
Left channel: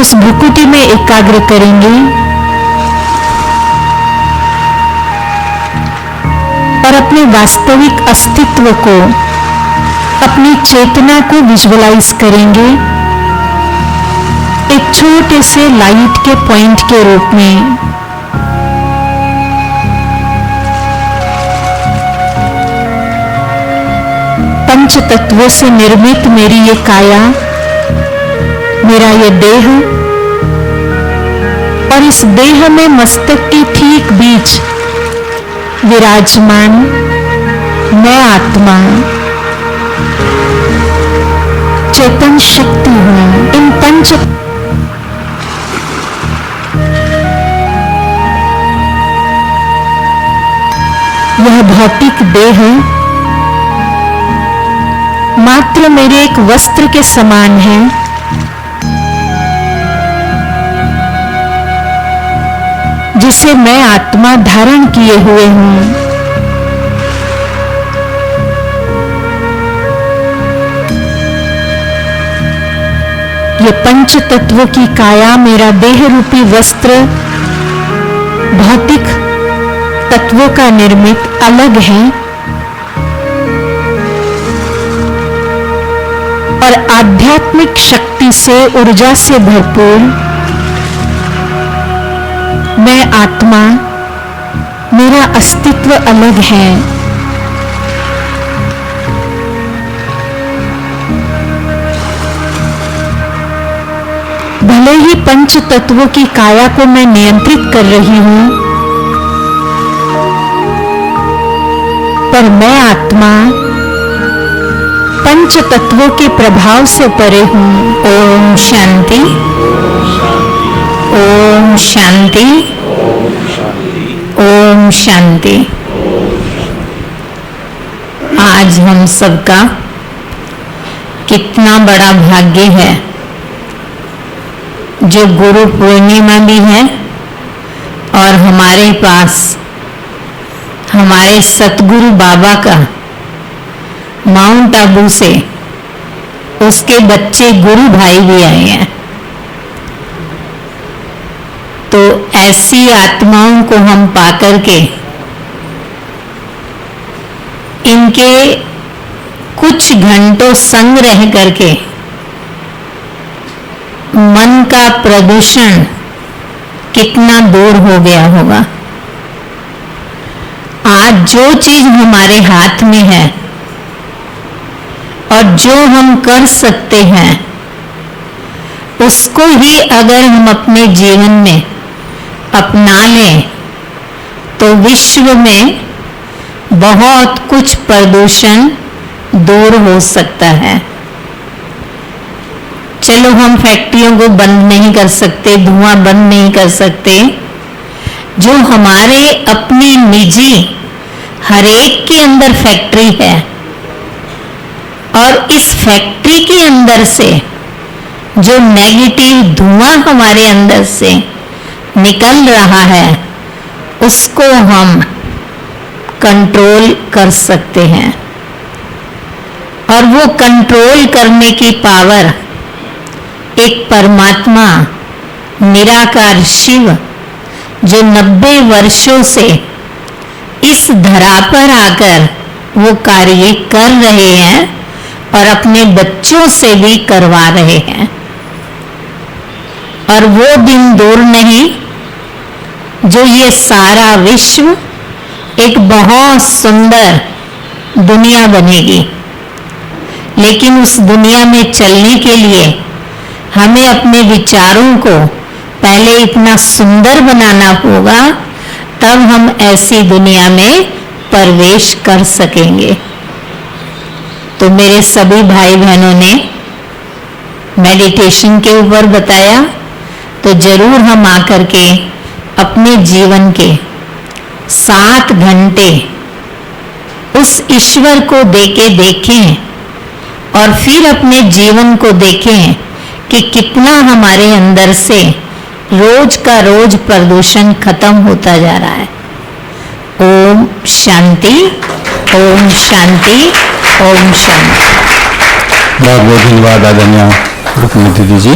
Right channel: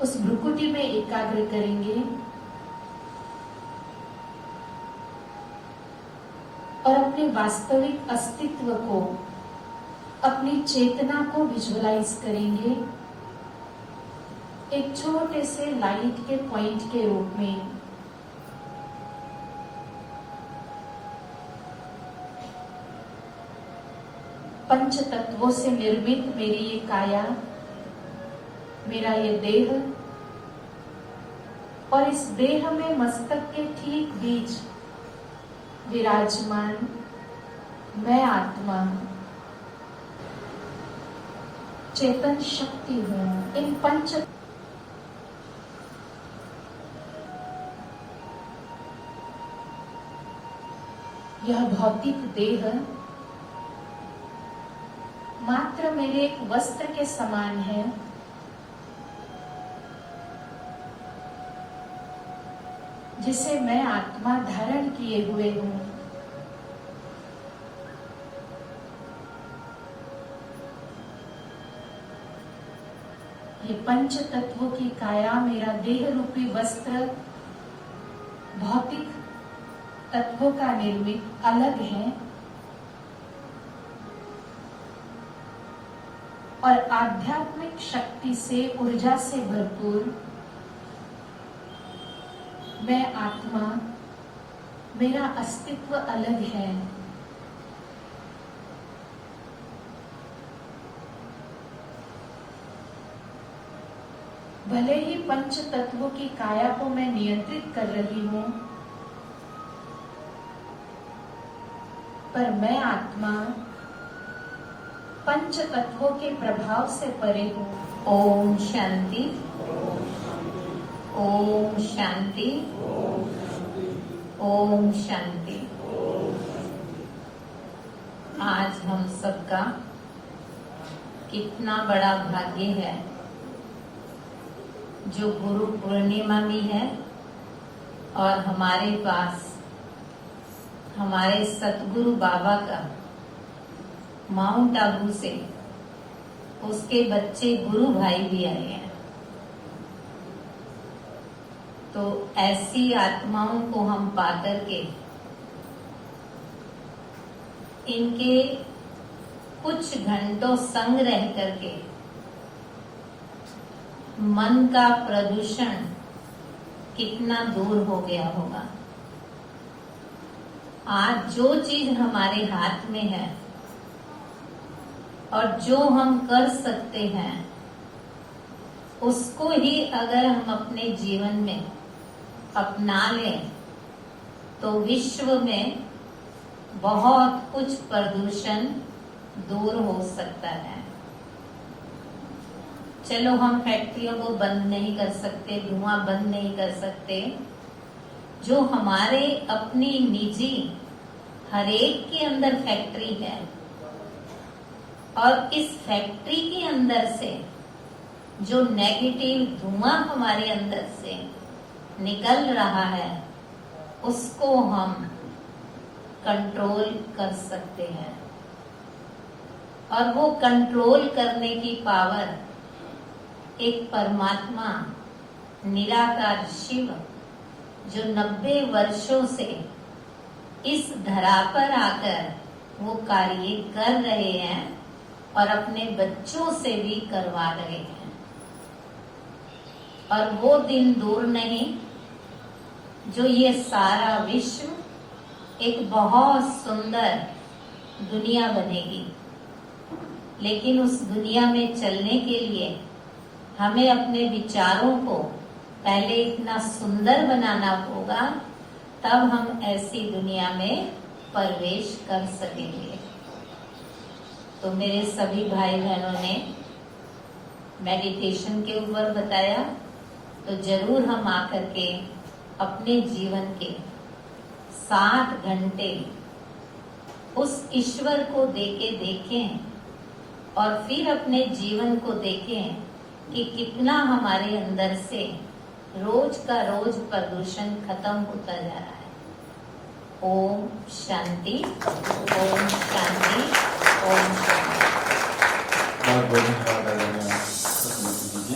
उस भ्रुकुटी में एकाग्र करेंगे और अपने वास्तविक अस्तित्व को, अपनी चेतना को विजुअलाइज करेंगे एक छोटे से लाइट के पॉइंट के रूप में। पंच तत्वों से निर्मित मेरी ये काया, मेरा ये देह, और इस देह में मस्तक के ठीक बीच विराजमान मैं आत्मा चेतन शक्ति हूं। इन पंच यह भौतिक देह मात्र मेरे एक वस्त्र के समान है, जिसे मैं आत्मा धारण किए हुए हूं। ये पंच तत्वों की काया, मेरा देह रूपी वस्त्र, भौतिक तत्वों का निर्मित अलग है और आध्यात्मिक शक्ति से, ऊर्जा से भरपूर मैं आत्मा, मेरा अस्तित्व अलग है। भले ही पंच तत्वों की काया को मैं नियंत्रित कर रही हूं, पर मैं आत्मा पंच तत्वों के प्रभाव से परे हूं। ओम शांति, ओम शांति, ओम शांति। आज हम सबका कितना बड़ा भाग्य है जो गुरु पूर्णिमा भी है और हमारे पास हमारे सतगुरु बाबा का माउंट आबू से उसके बच्चे गुरु भाई भी आए हैं। तो ऐसी आत्माओं को हम पाकर के इनके कुछ घंटों संग रह करके मन का प्रदूषण कितना दूर हो गया होगा। आज जो चीज हमारे हाथ में है और जो हम कर सकते हैं, उसको ही अगर हम अपने जीवन में अपना लें तो विश्व में बहुत कुछ प्रदूषण दूर हो सकता है। चलो हम फैक्ट्रियों को बंद नहीं कर सकते, धुआं बंद नहीं कर सकते, जो हमारे अपनी निजी हरेक के अंदर फैक्ट्री है और इस फैक्ट्री के अंदर से जो नेगेटिव धुआं हमारे अंदर से निकल रहा है उसको हम कंट्रोल कर सकते हैं। और वो कंट्रोल करने की पावर एक परमात्मा निराकार शिव जो 90 वर्षों से इस धरा पर आकर वो कार्य कर रहे हैं और अपने बच्चों से भी करवा रहे हैं। और वो दिन दूर नहीं जो ये सारा विश्व एक बहुत सुंदर दुनिया बनेगी, लेकिन उस दुनिया में चलने के लिए हमें अपने विचारों को पहले इतना सुंदर बनाना होगा, तब हम ऐसी दुनिया में प्रवेश कर सकेंगे। तो मेरे सभी भाई बहनों ने मेडिटेशन के ऊपर बताया, तो जरूर हम आकर के अपने जीवन के 7 घंटे उस ईश्वर को देके देखें और फिर अपने जीवन को देखें कि कितना हमारे अंदर से रोज का रोज प्रदूषण खत्म होता जा रहा है। ओम शांति, ओम शांति, ओम शांति। बहुत बहुत धन्यवाद आदरणीय रुक्मिणी दीदी जी।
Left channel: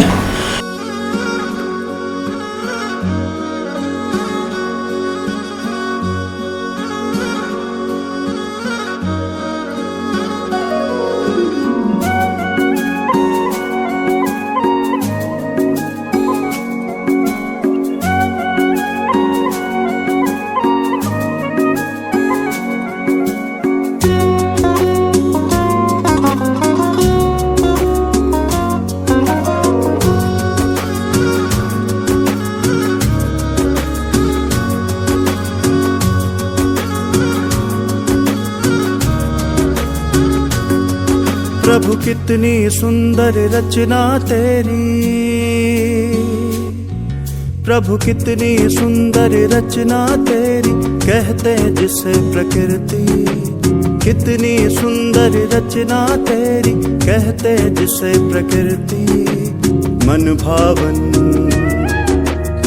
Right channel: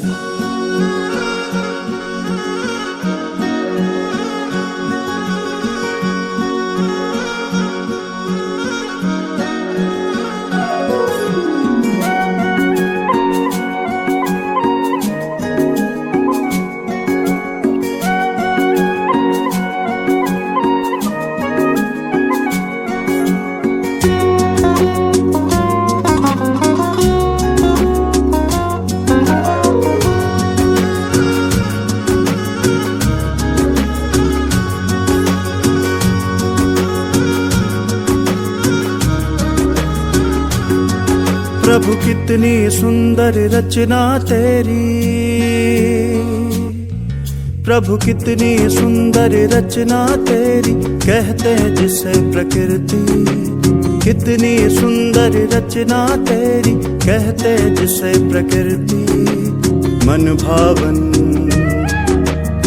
प्रभु कितनी सुंदर रचना तेरी, प्रभु कितनी सुंदर रचना तेरी, कहते हैं जिसे प्रकृति। कितनी सुंदर रचना तेरी, कहते हैं जिसे प्रकृति। मन भावन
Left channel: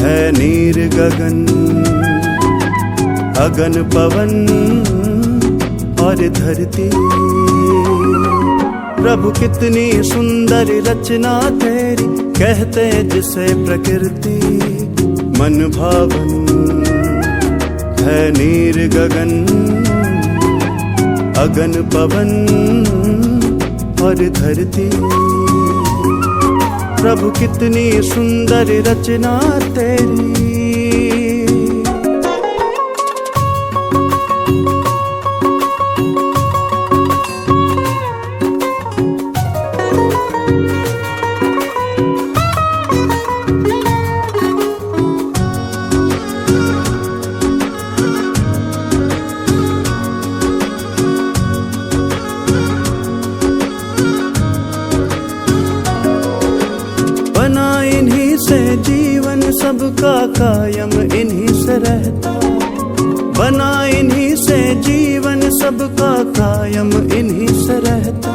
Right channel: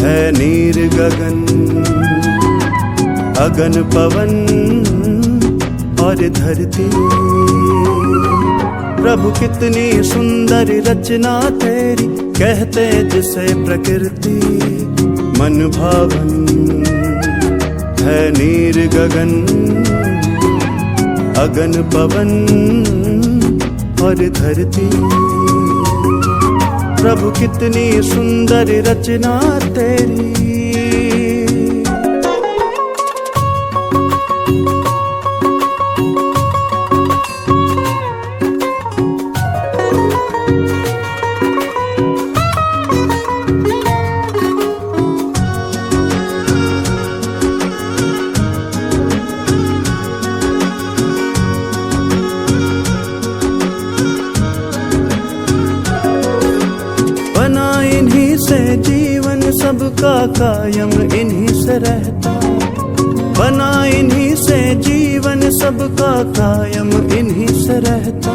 है नीर गगन, अगन पवन और धरती। प्रभु कितनी सुंदर रचना तेरी, कहते हैं जिसे प्रकृति। मन भावन है नीर गगन, अगन पवन और धरती। प्रभु कितनी सुंदर रचना तेरी। बना इन्हीं से जीवन सबका कायम इन्हीं से रहता। बना इन्हीं से जीवन सबका कायम इन्हीं से रहता।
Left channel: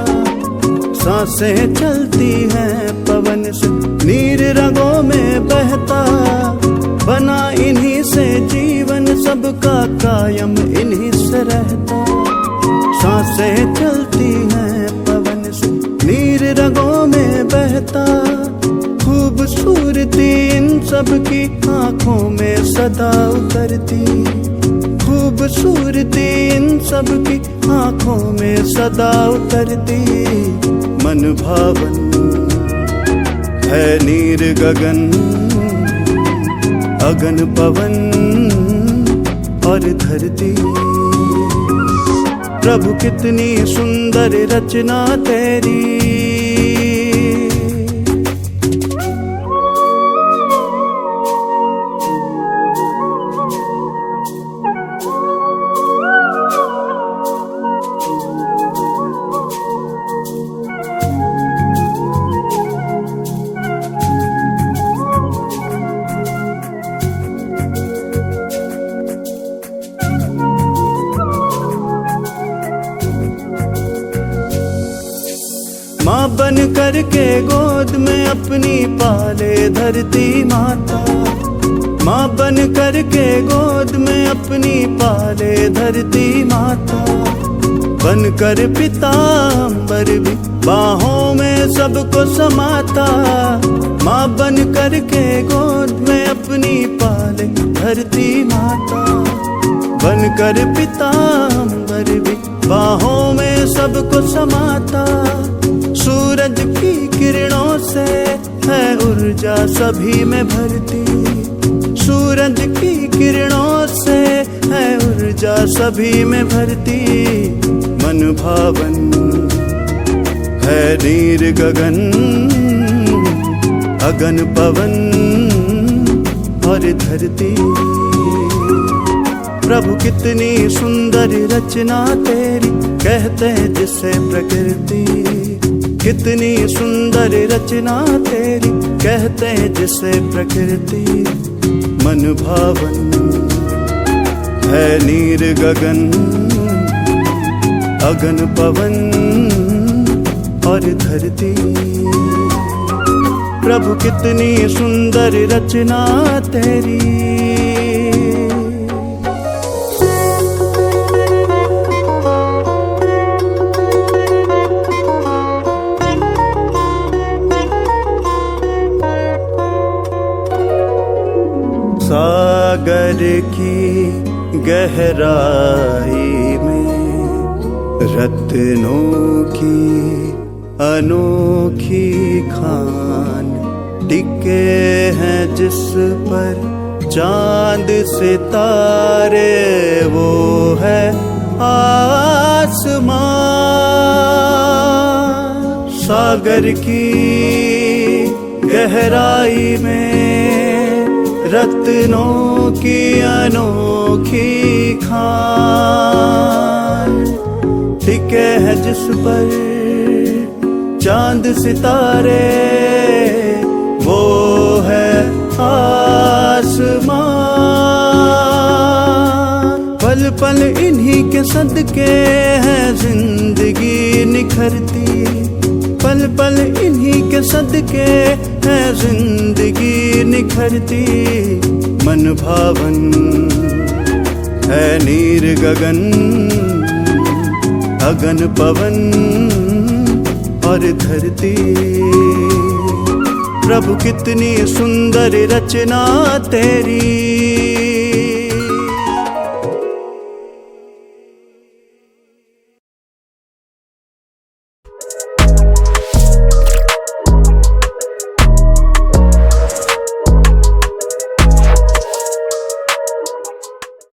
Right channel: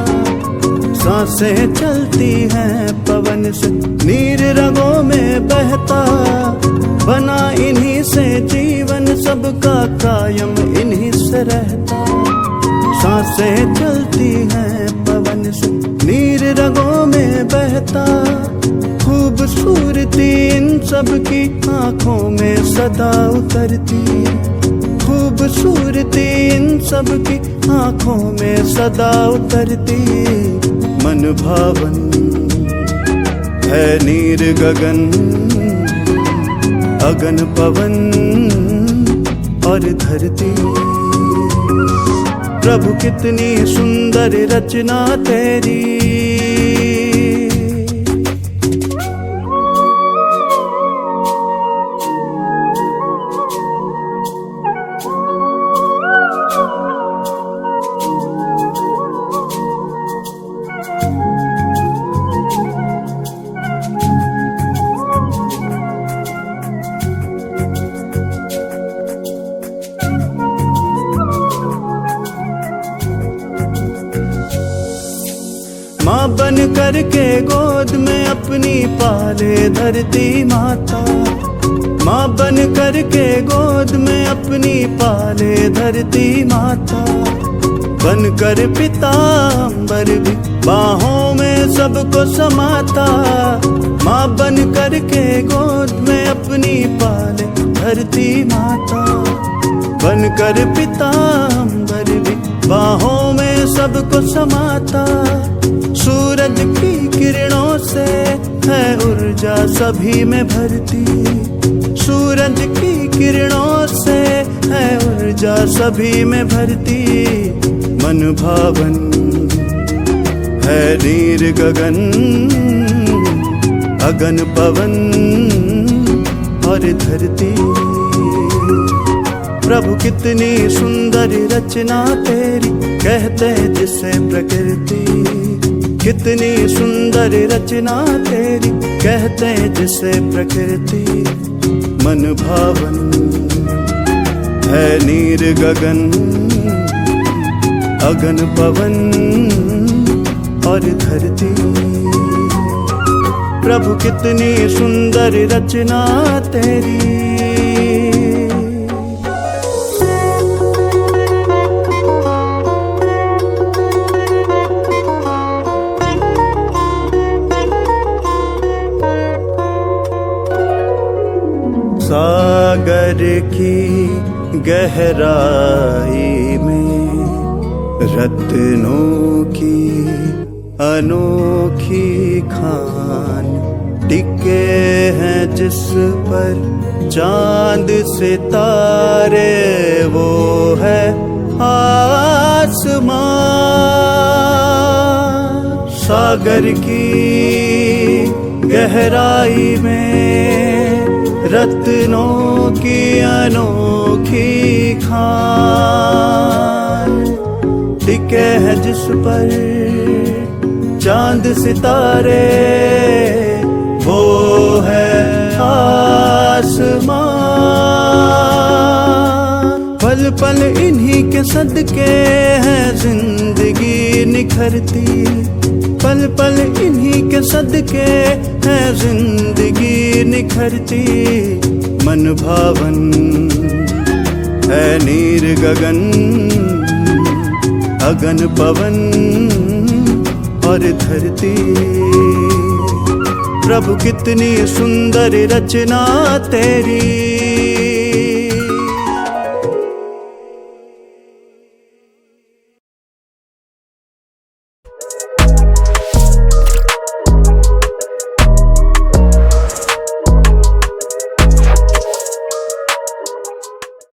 सांसें चलती हैं पवन से, नीर रगों में बहता। बना इन्हीं से जीवन सबका कायम इन्हीं से रहता। सांसें चलती हैं पवन से, नीर रगों में बहता। खूबसूरती इन सब की आंखों में सदा उतरती। खूबसूरती इन सब की आंखों में सदा उतरती। मन भावन है नीर गगन, अगन पवन और धरती। प्रभु कितनी सुंदर रचना तेरी। माँ बन करके गोद में अपनी पाले धरती माता। माँ बन करके गोद में अपनी पाले धरती माता। बन कर पिता अम्बर भी बाहों में सबको समाता। माँ बन करके गोद में अपनी पाले धरती माता। बन कर पिता अम्बर भी बाहों में सबको समाता। सूरज की किरणों से है ऊर्जा सभी में भरती। सूरज की किरणों से है ऊर्जा सभी में भरती। मन भावन है नीर गगन, अगन पवन और धरती। प्रभु कितनी सुंदर रचना तेरी, कहते हैं जिसे प्रकृति। कितनी सुंदर रचना तेरी, कहते हैं जिसे प्रकृति। मन भावन है नीर गगन, अगन पवन और धरती। प्रभु कितनी सुंदर रचना तेरी। सागर की गहराई में रत्नों की अनोखी खान टिके हैं, जिस पर चांद सितारे वो है आसमां। सागर की गहराई में रत्नों की अनोखी खान टिके है, जिस पर चांद सितारे वो है आसमां। पल पल इन्हीं के सदके है जिंदगी निखरती, पल पल इन्हीं के सदके है जिंदगी निखरती। मन भावन है नीर गगन, अगन पवन और धरती। प्रभु कितनी सुंदर रचना तेरी,